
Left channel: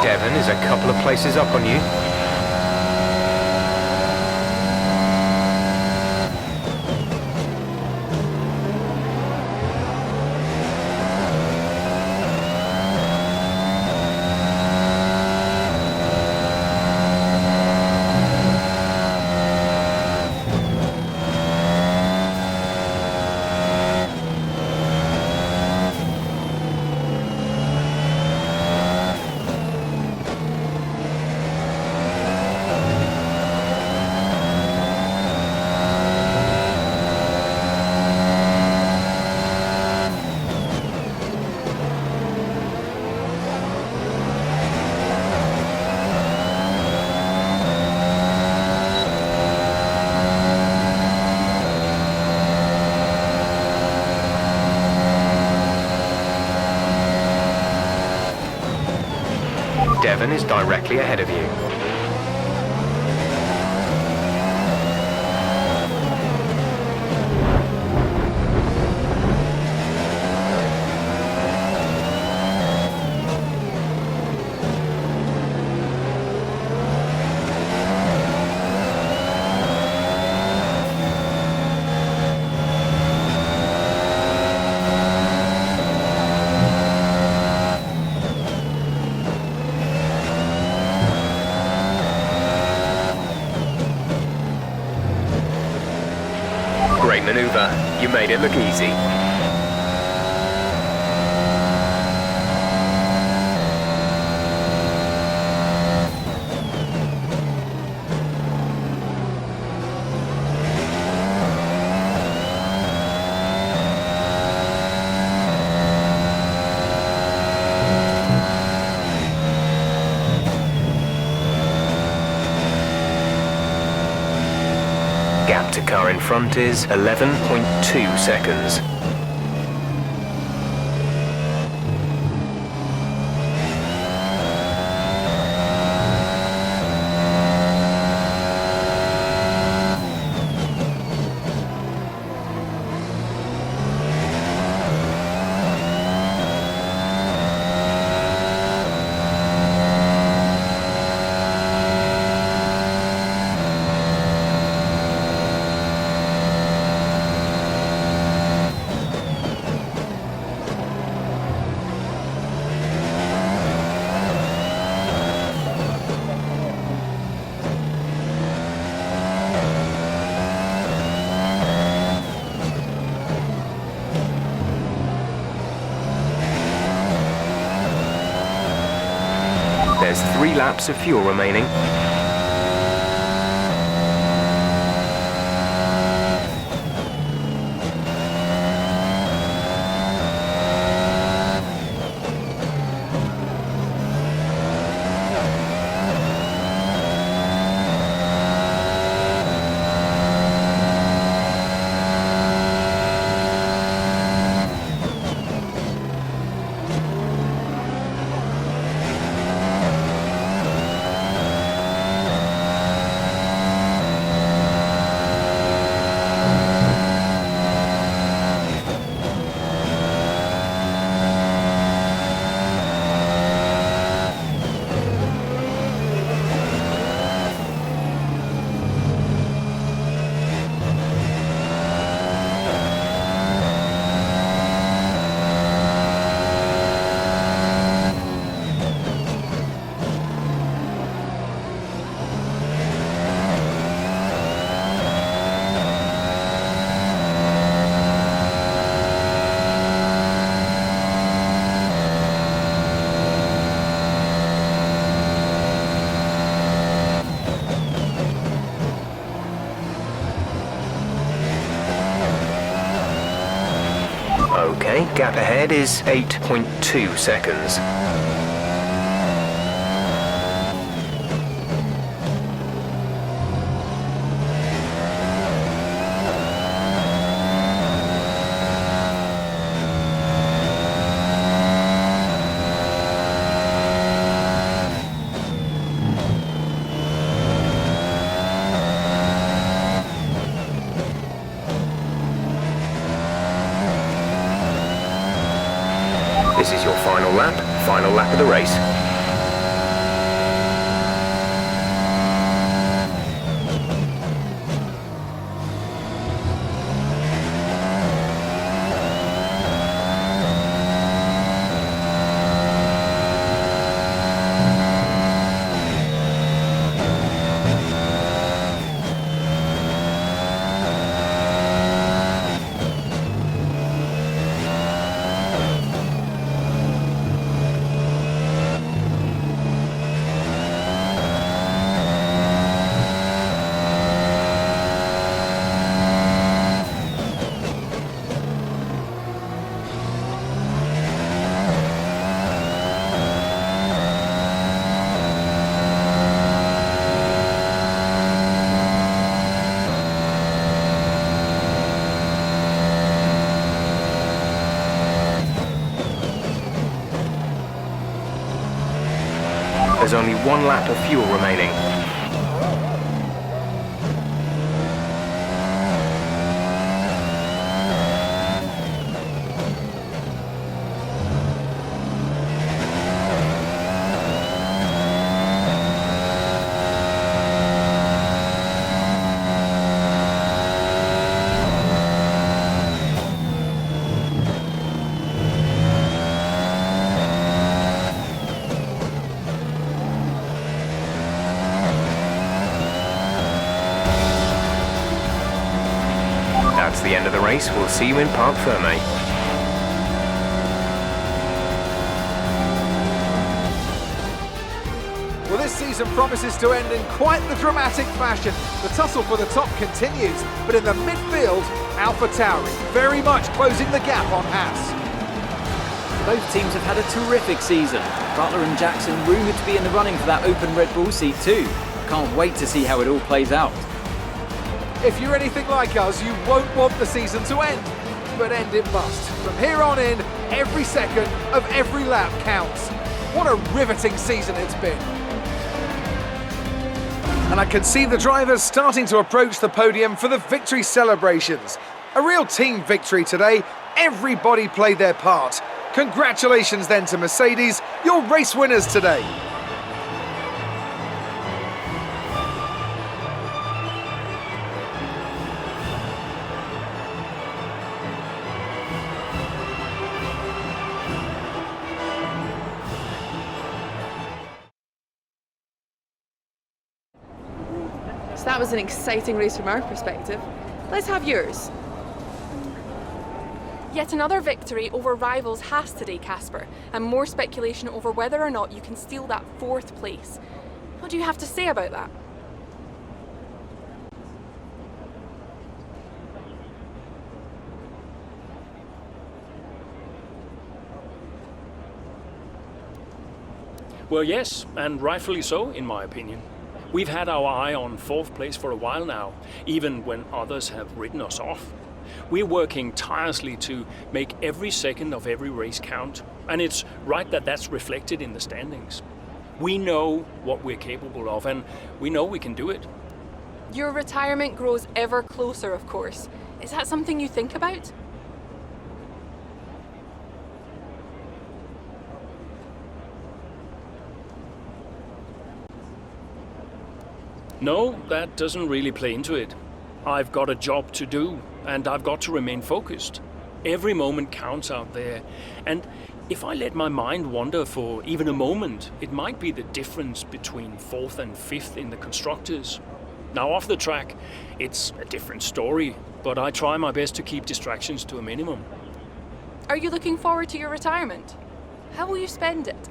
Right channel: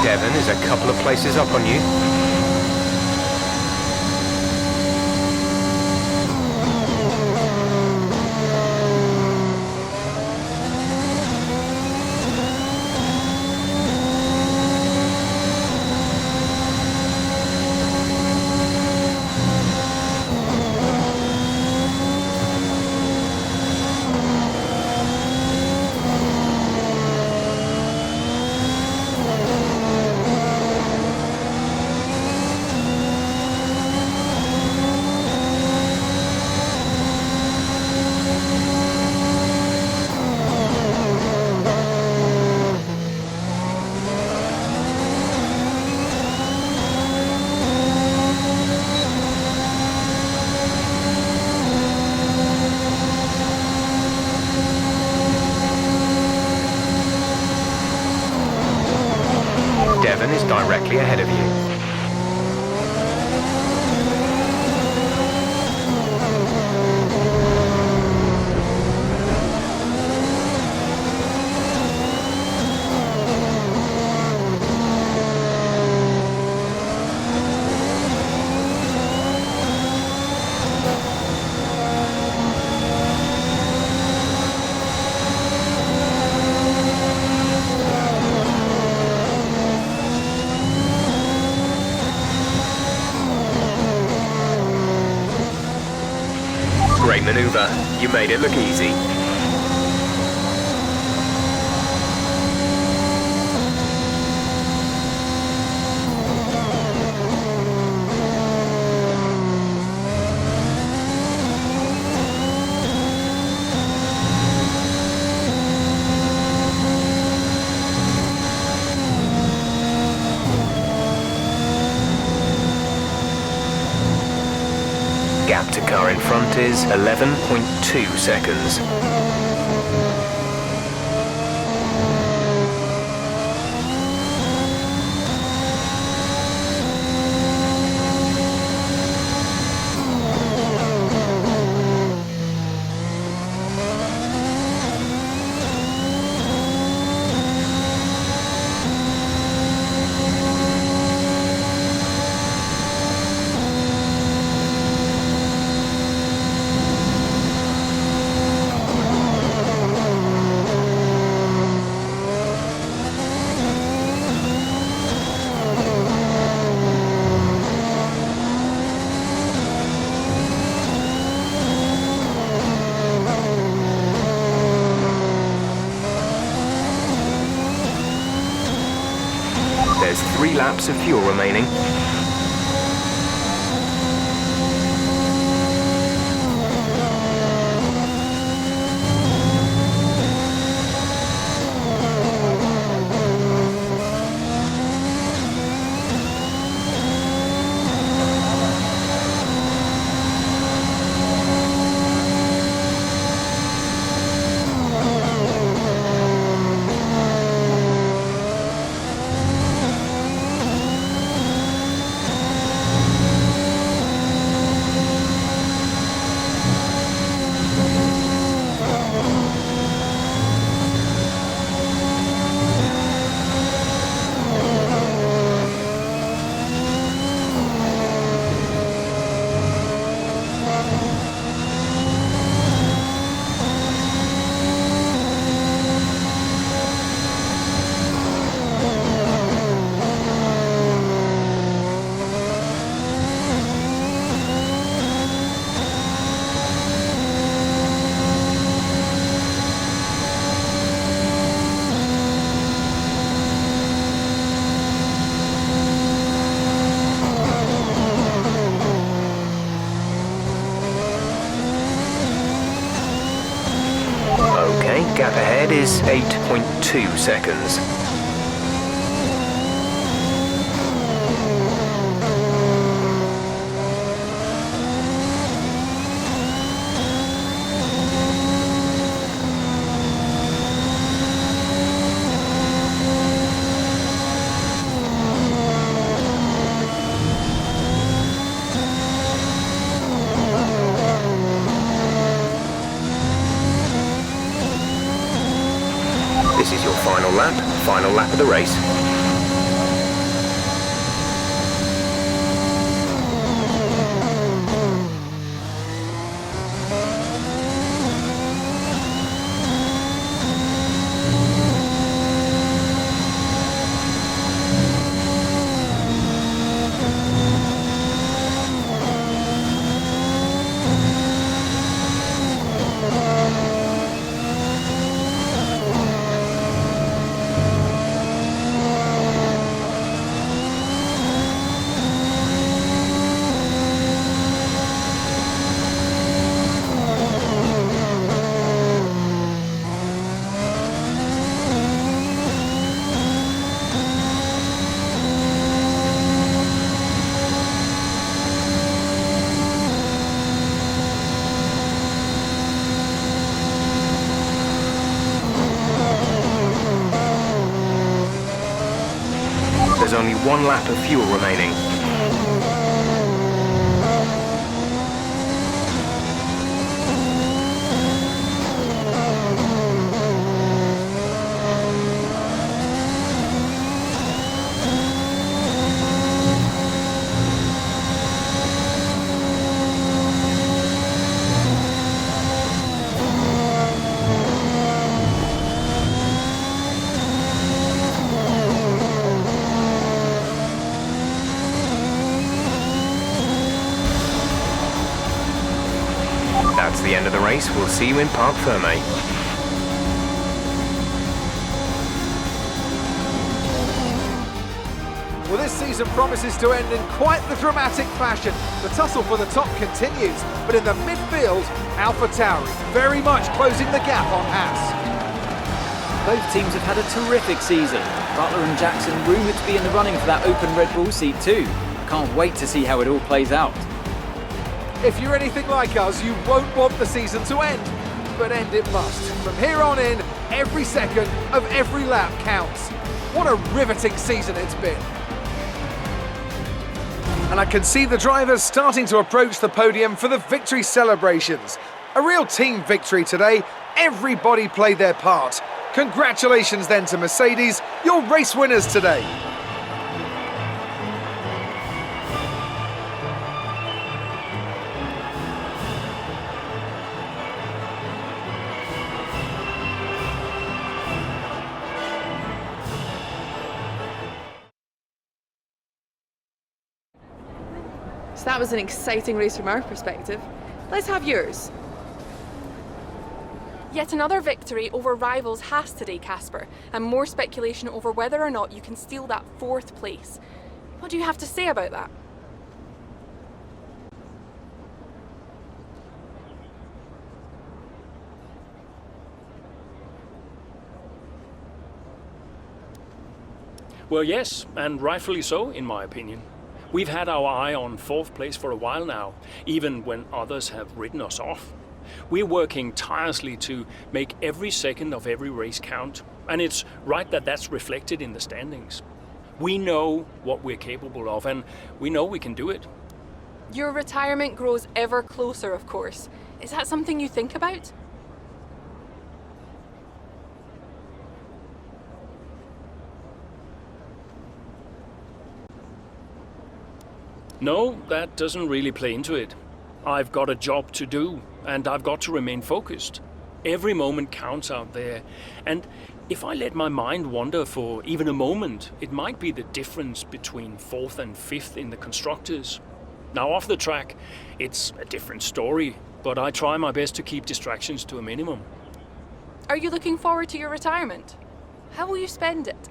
Devon is a couple of places up on you. Devon is directly ahead of you. Great maneuver. You made it look easy. Gap to car in front is 11.2 seconds. There's 3 laps of fuel remaining. Okay, gap ahead is 8.2 seconds. This is your final lap of the race. There's only 1 lap of fuel remaining. That's the end of the race. We'll see you in Parc Fermé. Well, this season promises to end in quite the dramatic fashion. The tussle for the top continues, but in the midfield, AlphaTauri very much closing the gap on Haas. Both teams have had a terrific season. Butler and Jackson rumoured to be in the running for that open Red Bull seat too. I can't wait to see how it all plays out. If you're anything like us, you won't want the season to end, but end it must. From here on in, every second of every lap counts. What a riveting season it's been. And I can see the drivers starting to approach the podium for the victory celebrations. A real team victory today. Everybody played their part. Congratulations then to Mercedes, your race winners today. So that was an exciting race from our perspective. Let's have yours. Yet another victory over rivals Haas today, Casper, and more speculation over whether or not you can steal that 4th place. What do you have to say about that? Well, yes, and rightfully so, in my opinion. We've had our eye on 4th place for a while now, even when others have ridden us off. We're working tirelessly to make every second of every race count, and it's right that that's reflected in the standings. We know what we're capable of, and we know we can do it. Your retirement grows ever closer, of course. Is that something you think about? No, that doesn't really play into it. I've got a job to do, and I've got to remain focused. Every moment counts out there, and if I let my mind wander for even a moment, it might be the difference between 4th and 5th in the constructors. Now off the track, it's a different story, but I try my best to keep distractions to a minimum. Are you looking forward to your retirement? How will you spend it?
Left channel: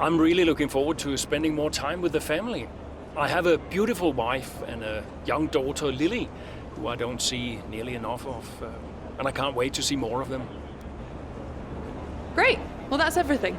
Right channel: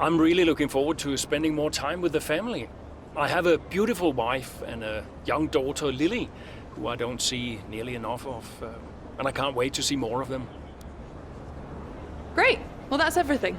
I'm really looking forward to spending more time with the family. I have a beautiful wife and a young daughter, Lily, who I don't see nearly enough of, and I can't wait to see more of them. Great. Well, that's everything.